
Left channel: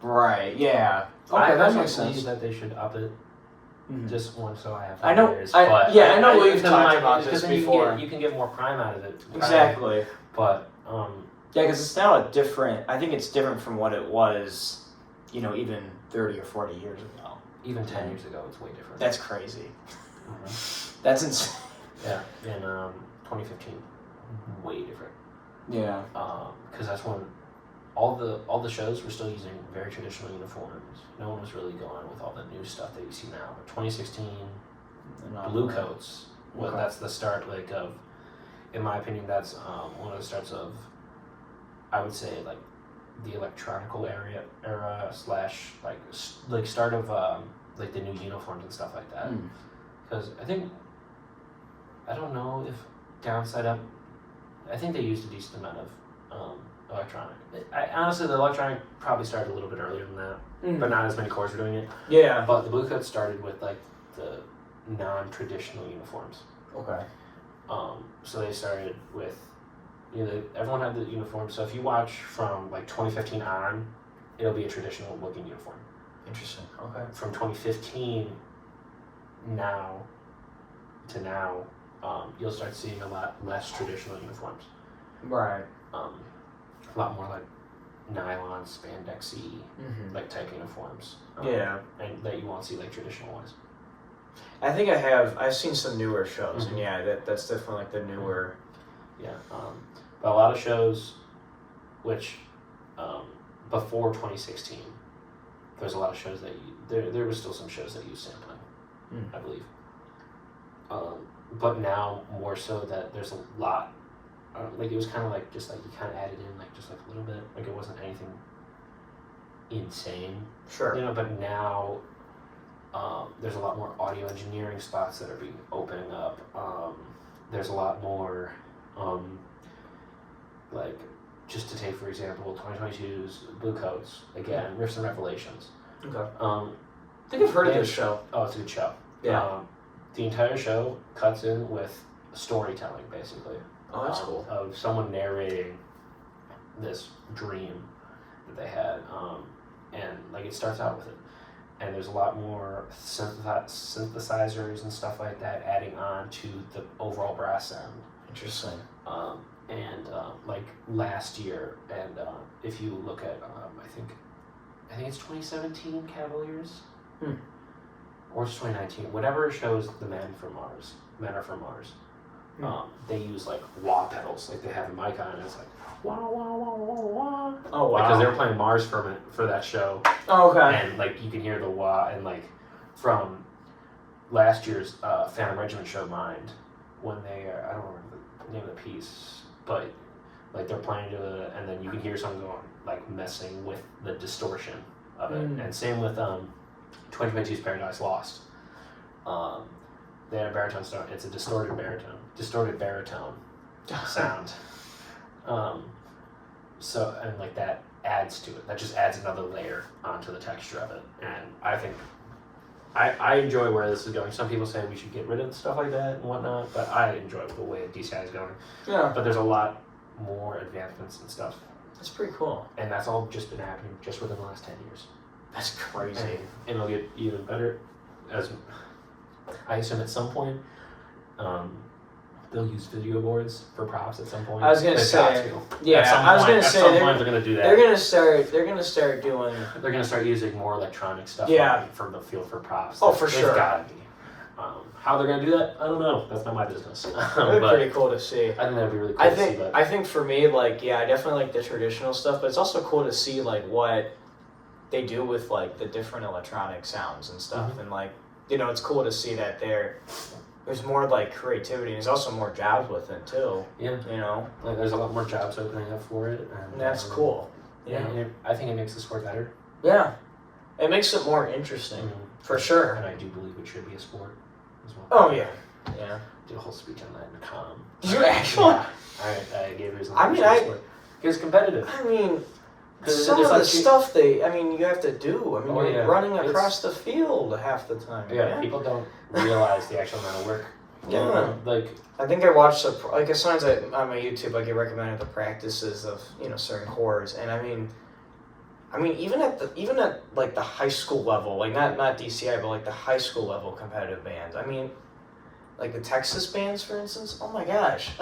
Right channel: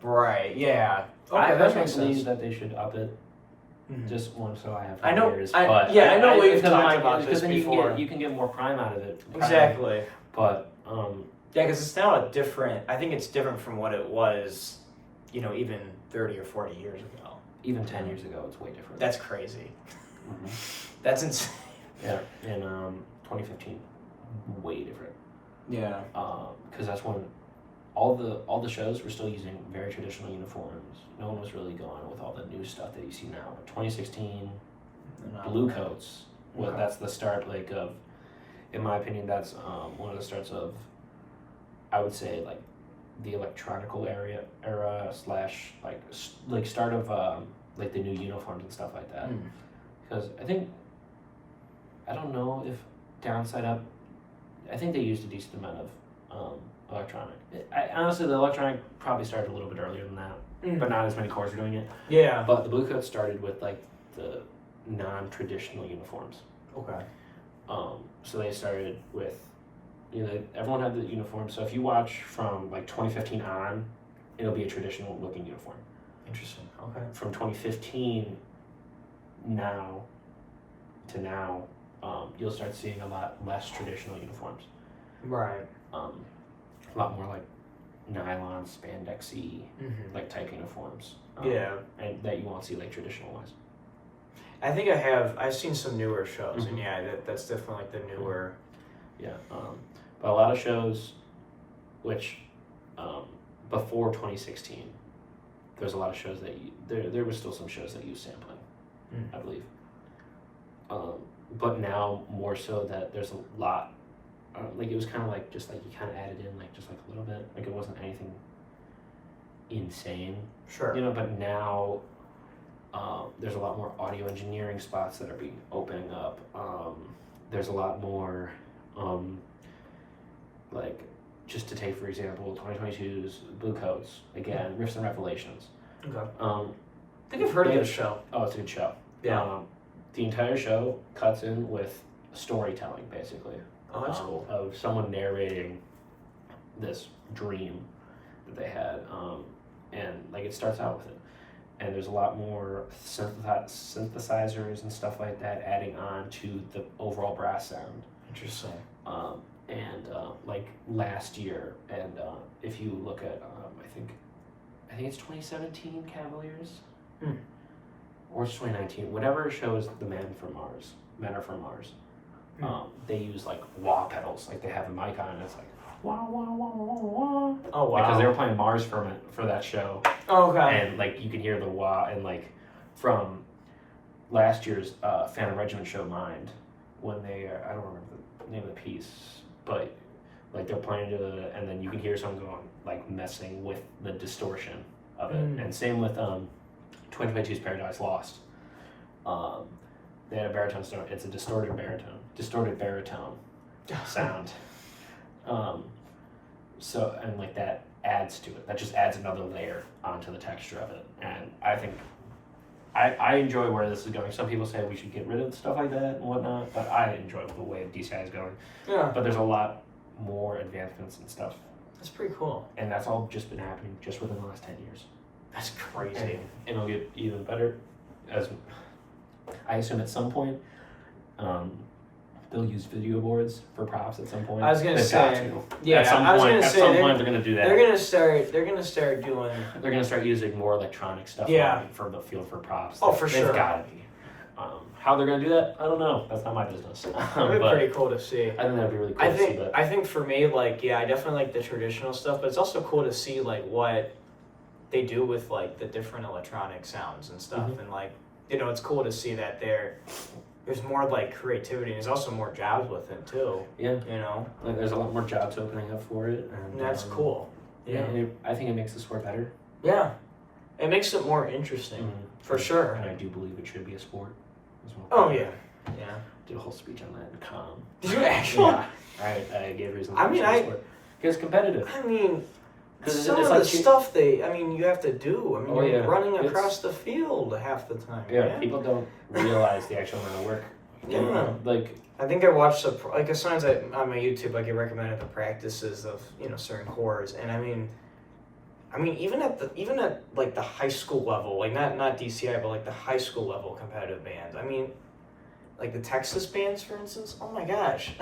Right. Yeah. Okay, that makes I sense. believe that they should up it. Just one, so I have. I know. Years, I know we've talked about this then before. You can get more prime out of it. Exactly. But yeah, because it's now a different. I think it's different from what it was, even 30 or 40 years ago. Even 10 years ago, it's way different. That's crazy. That's insane. Yeah, in 2015, way different. Yeah. Because that's when all the shows were still using very traditional uniforms. No one was really going with all the new stuff that you see now. 2016, blue coats. Well, that's the start. In my opinion, that's one of the starts of. I would say the electronical era / start of the new uniforms and stuff like that. Because I don't know if downside up. I think they used a decent amount of electronic. Honestly, the electronic probably started a little bit earlier than that, but not as many cores were doing it. Yeah. But the blue coats started with the non-traditional uniforms. Okay. So they started with, everyone had the uniform. So if you watch from 2015 on, it'll be a traditional looking uniform. Interesting. Okay. From 2015 to now, you'll start seeing a lot less traditional uniforms. Right. A lot more nylon, spandexy, type uniforms. And that you won't see traditional ones. I think I've seen some newer shows, and that's definitely the newer. Yeah. But a lot of shows, which before 2016, there's a lot of shows that there were still some shows that use sampling, I believe. But now more so that there's a lot. It was kind of you kind of added in just a little bit. It wasn't anything insane. Sure. But now there's a lot more audio engineering spots that are being opening up. There's a lot more just to take for example 2022's Blue Coats again, Riffs and Revelations. Okay. I think I've heard of this show. Oh, it's a good show. Yeah. The entire show cuts in with storytelling basically. Oh, that's cool. Of someone narrating this dream that they had, and it starts out with it, and there's a lot more synthesizers and stuff like that adding on to the overall brass sound. Interesting. Last year, and if you look at, I think it's 2017 Cavaliers, or it's 2019, whatever shows the Men Are From Mars. They use wah pedals, they have a mic on, and it's wah wah wah wah wah. Oh wow! Because they were playing Mars for that show. Oh, okay. And you can hear the wah, and from last year's Phantom Regiment show Mind, when they I don't remember the name of the piece, but Like they're playing to it, and then you can hear someone going like messing with the distortion of it. And same with 2022's Paradise Lost. They had a baritone sound. It's a distorted baritone sound. So and like that adds to it. That just adds another layer onto the texture of it. And I think I enjoy where this is going. Some people say we should get rid of stuff like that and whatnot, but I enjoy the way DCI is going. Yeah. But there's a lot more advancements and stuff. That's pretty cool. And that's all just been happening just within the last 10 years. That's crazy. And it'll get even better as I assume at some point they'll use video boards for props at some point. I was gonna say, yeah. At some point they're gonna do that. They're gonna start doing. They're gonna start using more electronic stuff. Yeah. For the field for props. Oh, for sure. They've gotta be. How they're gonna do that, I don't know. That's not my business. That'd be pretty cool to see. I think that'd be really cool to see. I think for me, like, yeah, I definitely like the traditional stuff, but it's also cool to see like what they do with like the different electronic sounds and stuff, and like, you know, it's cool to see that there's more like creativity, and there's also more jobs with it too. Yeah. You know, like there's a lot more jobs opening up for it, and that's cool. Yeah. I think it makes the sport better. Yeah, it makes it more interesting for sure. And I do believe it should be a sport. Oh yeah, yeah. Did a whole speech on that in com. Did you actually? Yeah. I gave reasons. I mean, it's competitive. I mean, some of the stuff you have to do. I mean, you're running across the field half the time. Yeah, people don't realize the actual amount of work. Yeah. Like, I think I watched as soon as on my YouTube, I get recommended the practices of certain cores, and I mean, even at like the high school level, like not DCI, but like the high school level competitive bands. I mean, like the Texas bands, for instance. Oh my gosh!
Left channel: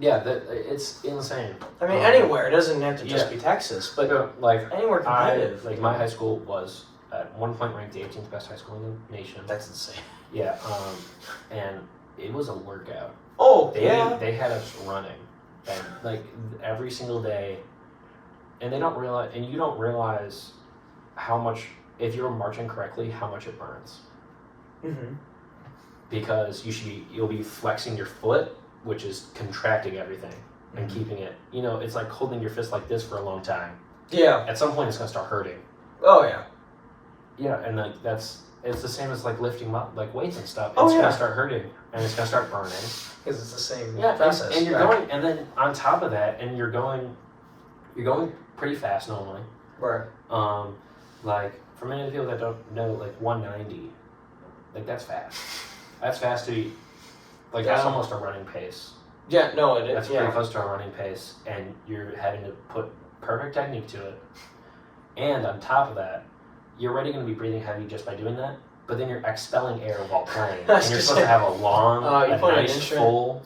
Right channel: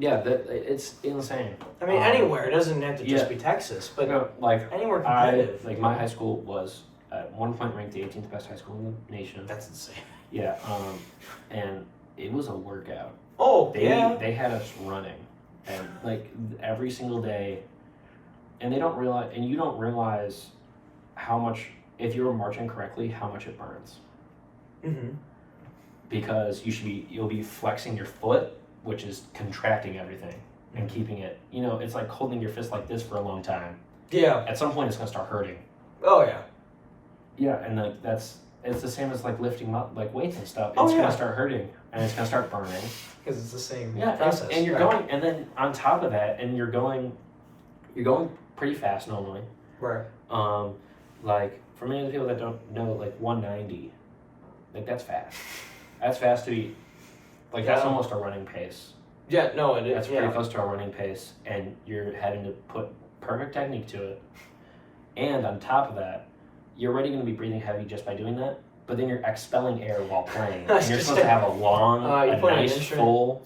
Yeah, it's insane. I mean, anywhere. It doesn't have to just be Texas, but like anywhere competitive. Like my high school was at one point ranked the 18th best high school in the nation. That's insane. Yeah, and it was a workout. Oh, They had us running, and like every single day. And you don't realize how much, if you're marching correctly, how much it burns. Because you'll be flexing your foot, which is contracting everything and keeping it. It's like holding your fist like this for a long time. Yeah. At some point, it's gonna start hurting. Oh yeah. Yeah, and like it's the same as like lifting like weights and stuff. It's gonna start hurting and it's gonna start burning. Because it's the same process. And you're going, and then on top of that, and you're going pretty fast normally. Right. Like for many of the people that don't know, like 190, like that's fast. That's fast to be, like that's almost a running pace. Yeah, no, it is. That's pretty close to a running pace, and you're having to put perfect technique to it. And on top of that, you're already going to be breathing heavy just by doing that. But then you're expelling air while playing, and you're supposed to have a long, nice, full,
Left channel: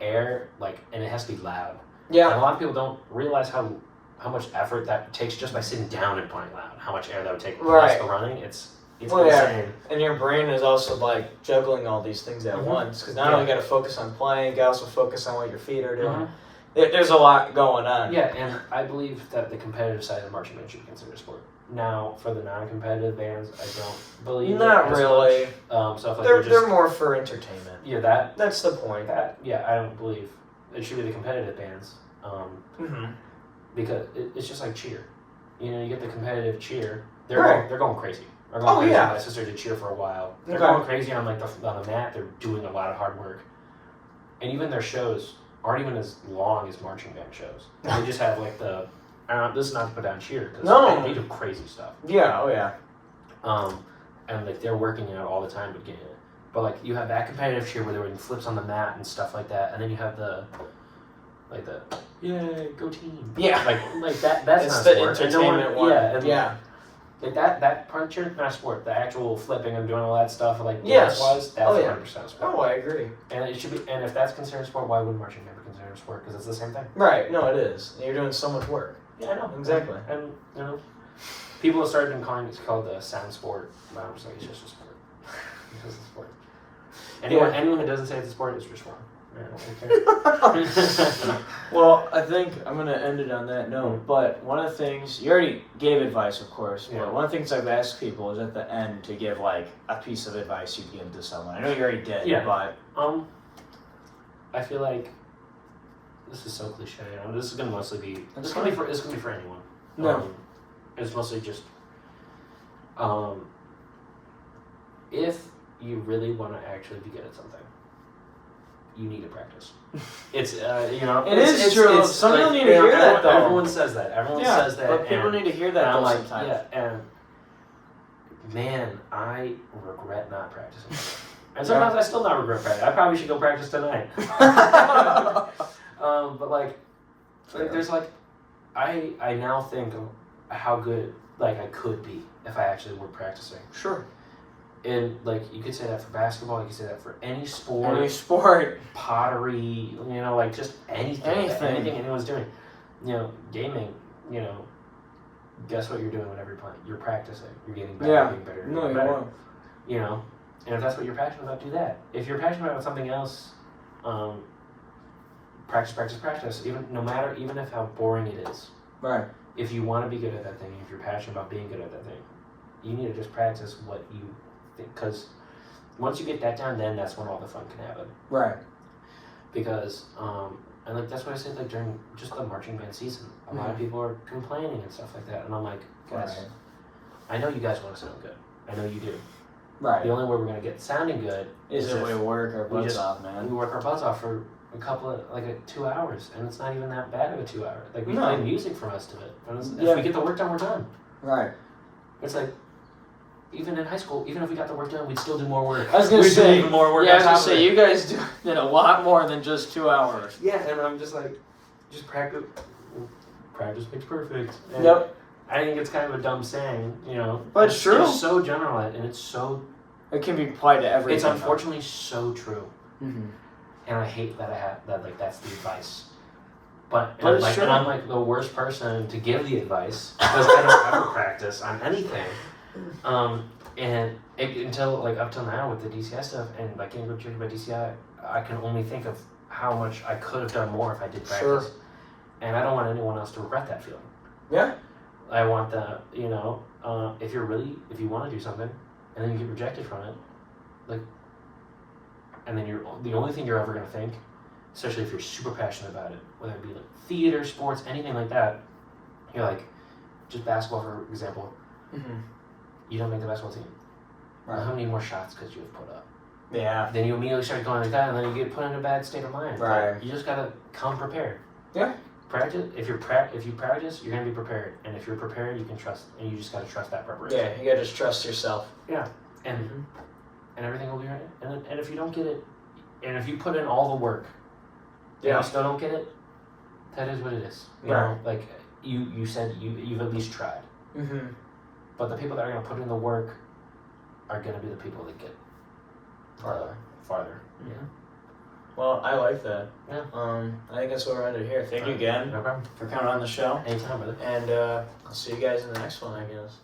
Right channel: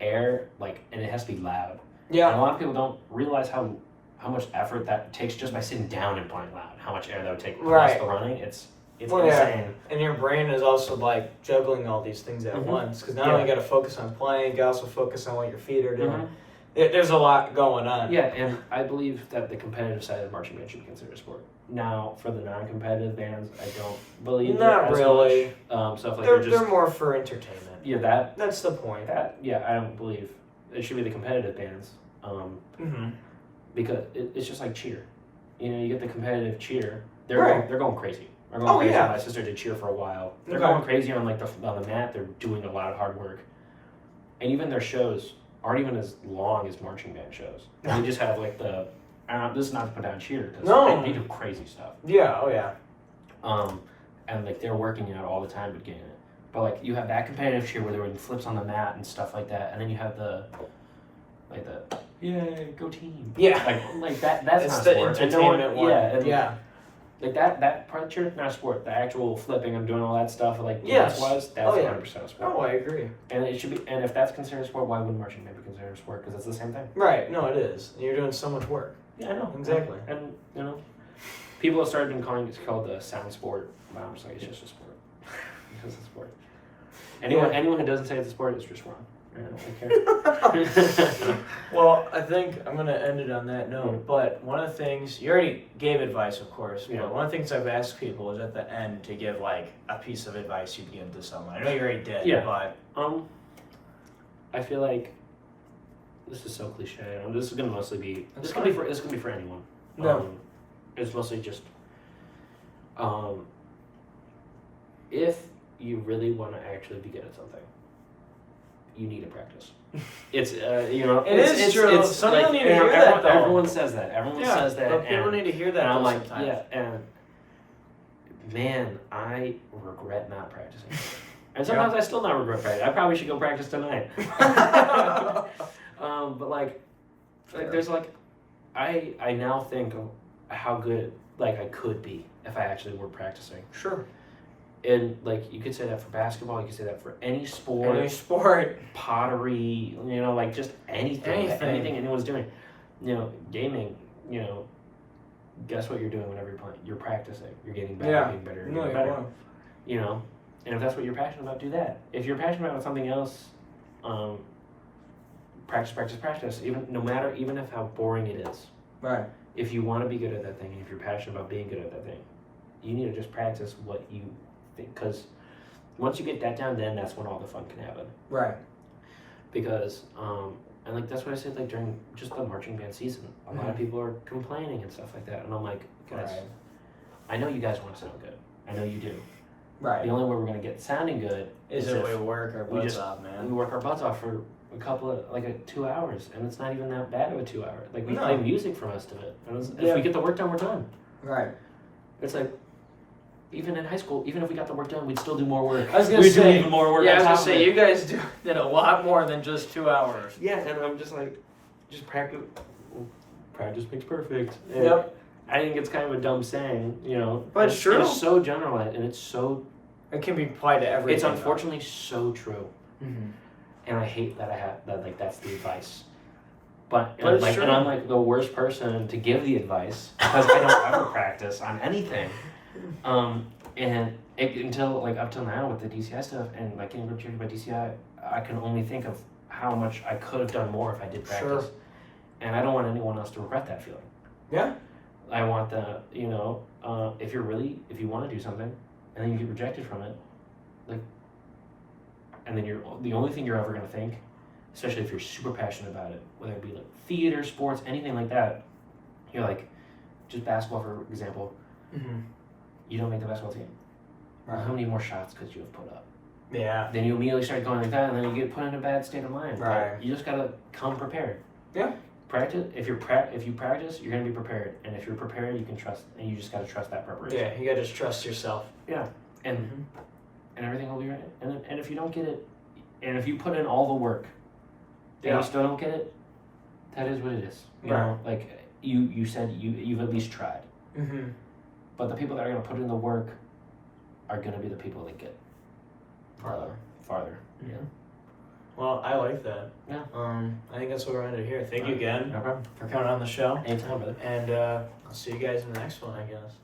air, like, and it has to be loud. Yeah. And a lot of people don't realize how much effort that takes just by sitting down and playing loud. How much air that would take plus the running. It's insane. Yeah. And your brain is also like juggling all these things at once, because not only got to focus on playing, you got to also focus on what your feet are doing. There's a lot going on. Yeah, and I believe that the competitive side of marching band should be considered a sport. Now, for the non-competitive bands, I don't believe not really. Stuff like they're more for entertainment. Yeah, that's the point. I don't believe it should be the competitive bands. Because it's just like cheer. You get the competitive cheer. They're going crazy. They're going crazy. My sister did cheer for a while. They're going crazy on on the mat. They're doing a lot of hard work, and even their shows aren't even as long as marching band shows. They just have like this is not to put down cheer, because they do crazy stuff. Yeah, oh yeah. And like they're working out all the time to get in it. But like you have that competitive cheer where they're doing flips on the mat and stuff like that, and then you have the go team. Yeah. Like that's it's not the sport. entertainment one. Yeah. Like that part of cheer is not sport. The actual flipping and doing all that stuff, like yes. Wise, that's 100% sport. Oh, I agree. And it should be. And if that's considered sport, why wouldn't marching band be considered sport? Because it's the same thing. Right. No, it is. You're doing so much work. Yeah, I know. Exactly. And people have started calling it called the sound sport. But I'm just like, it's just a sport. It's just a sport. Anyone who doesn't say it's a sport is just wrong. Well, I think I'm going to end it on that note, but one of the things, you already gave advice, of course, but one of the things I've asked people is at the end to give like a piece of advice you'd give to someone. I know you already did, but... I feel like this is so cliche. This is gonna mostly be. That's It's gonna be for anyone. No. It's mostly just. If you really want to actually be good at something, you need to practice. It's It's true. Some people need to hear that, though. Everyone says that. Everyone says that. But people need to hear that, and I'm though, like, sometimes. yeah, and man, I regret not practicing. And sometimes I still not regret practicing. I probably should go practice tonight. But like there's like, I now think of how good like I could be if I actually were practicing. Sure. And like you could say that for basketball, you could say that for any sport. Any sport. Pottery, like just anything anyone's doing. Gaming, guess what you're doing whenever you're playing? You're practicing. You're getting better, Yeah. getting better, No, getting you better. won't. And if that's what you're passionate about, do that. If you're passionate about something else, practice. Even if how boring it is. Right. If you want to be good at that thing, if you're passionate about being good at that thing, you need to just practice what you think. Because once you get that down, then that's when all the fun can happen. Right. Because and like that's what I said, like during just the marching band season, a lot of people are complaining and stuff like that, and I'm like, guys, I know you guys want to sound good. I know you do. Right. The only way we're gonna get sounding good is if we work our butts off, man. We work our butts off for a couple of 2 hours, and it's not even that bad of a 2 hour. Like we play music for most of it, and if we get the work done, we're done. Right. It's like even in high school, even if we got the work done, we'd still do more work. I was gonna say even more work. Yeah, I was gonna say you guys did a lot more than just 2 hours. Yeah, and I'm just like, just practice. Practice makes perfect. And yep. I think it's kind of a dumb saying, But it's true. It's so generalized, and it's so. It can be applied to everything. It's unfortunately so true. Mm-hmm. And I hate that I have that. Like that's the advice. But it's true. And I'm like the worst person to give the advice because I don't ever practice on anything. Until up till now with the DCI stuff and like getting checked by DCI, I can only think of how much I could have done more if I did practice. Sure. And I don't want anyone else to regret that feeling. Yeah. I want the if you want to do something and then you get rejected from it, and then the only thing you're ever gonna think, especially if you're super passionate about it, whether it be like theater, sports, anything like that, you're like, just basketball for example. Mm-hmm. You don't make the basketball team. Right. How many more shots could you have put up? Yeah. Then you immediately start going like that, and then you get put in a bad state of mind. Right. You just gotta come prepared. Yeah. Practice. If you practice, you're gonna be prepared, and if you're prepared, you can trust, and you just gotta trust that preparation. Yeah, you gotta just trust yourself. Yeah, and everything will be right. And if you don't get it, and if you put in all the work, and you still don't get it, that is what it is. You know, like you said, you've at least tried. Mm-hmm. But the people that are gonna put in the work are gonna be the people that get farther. Yeah. Well, I like that. Yeah. I think that's what we're under here. Thank you again for coming on the show. Anytime, brother. And I'll see you guys in the next one, I guess.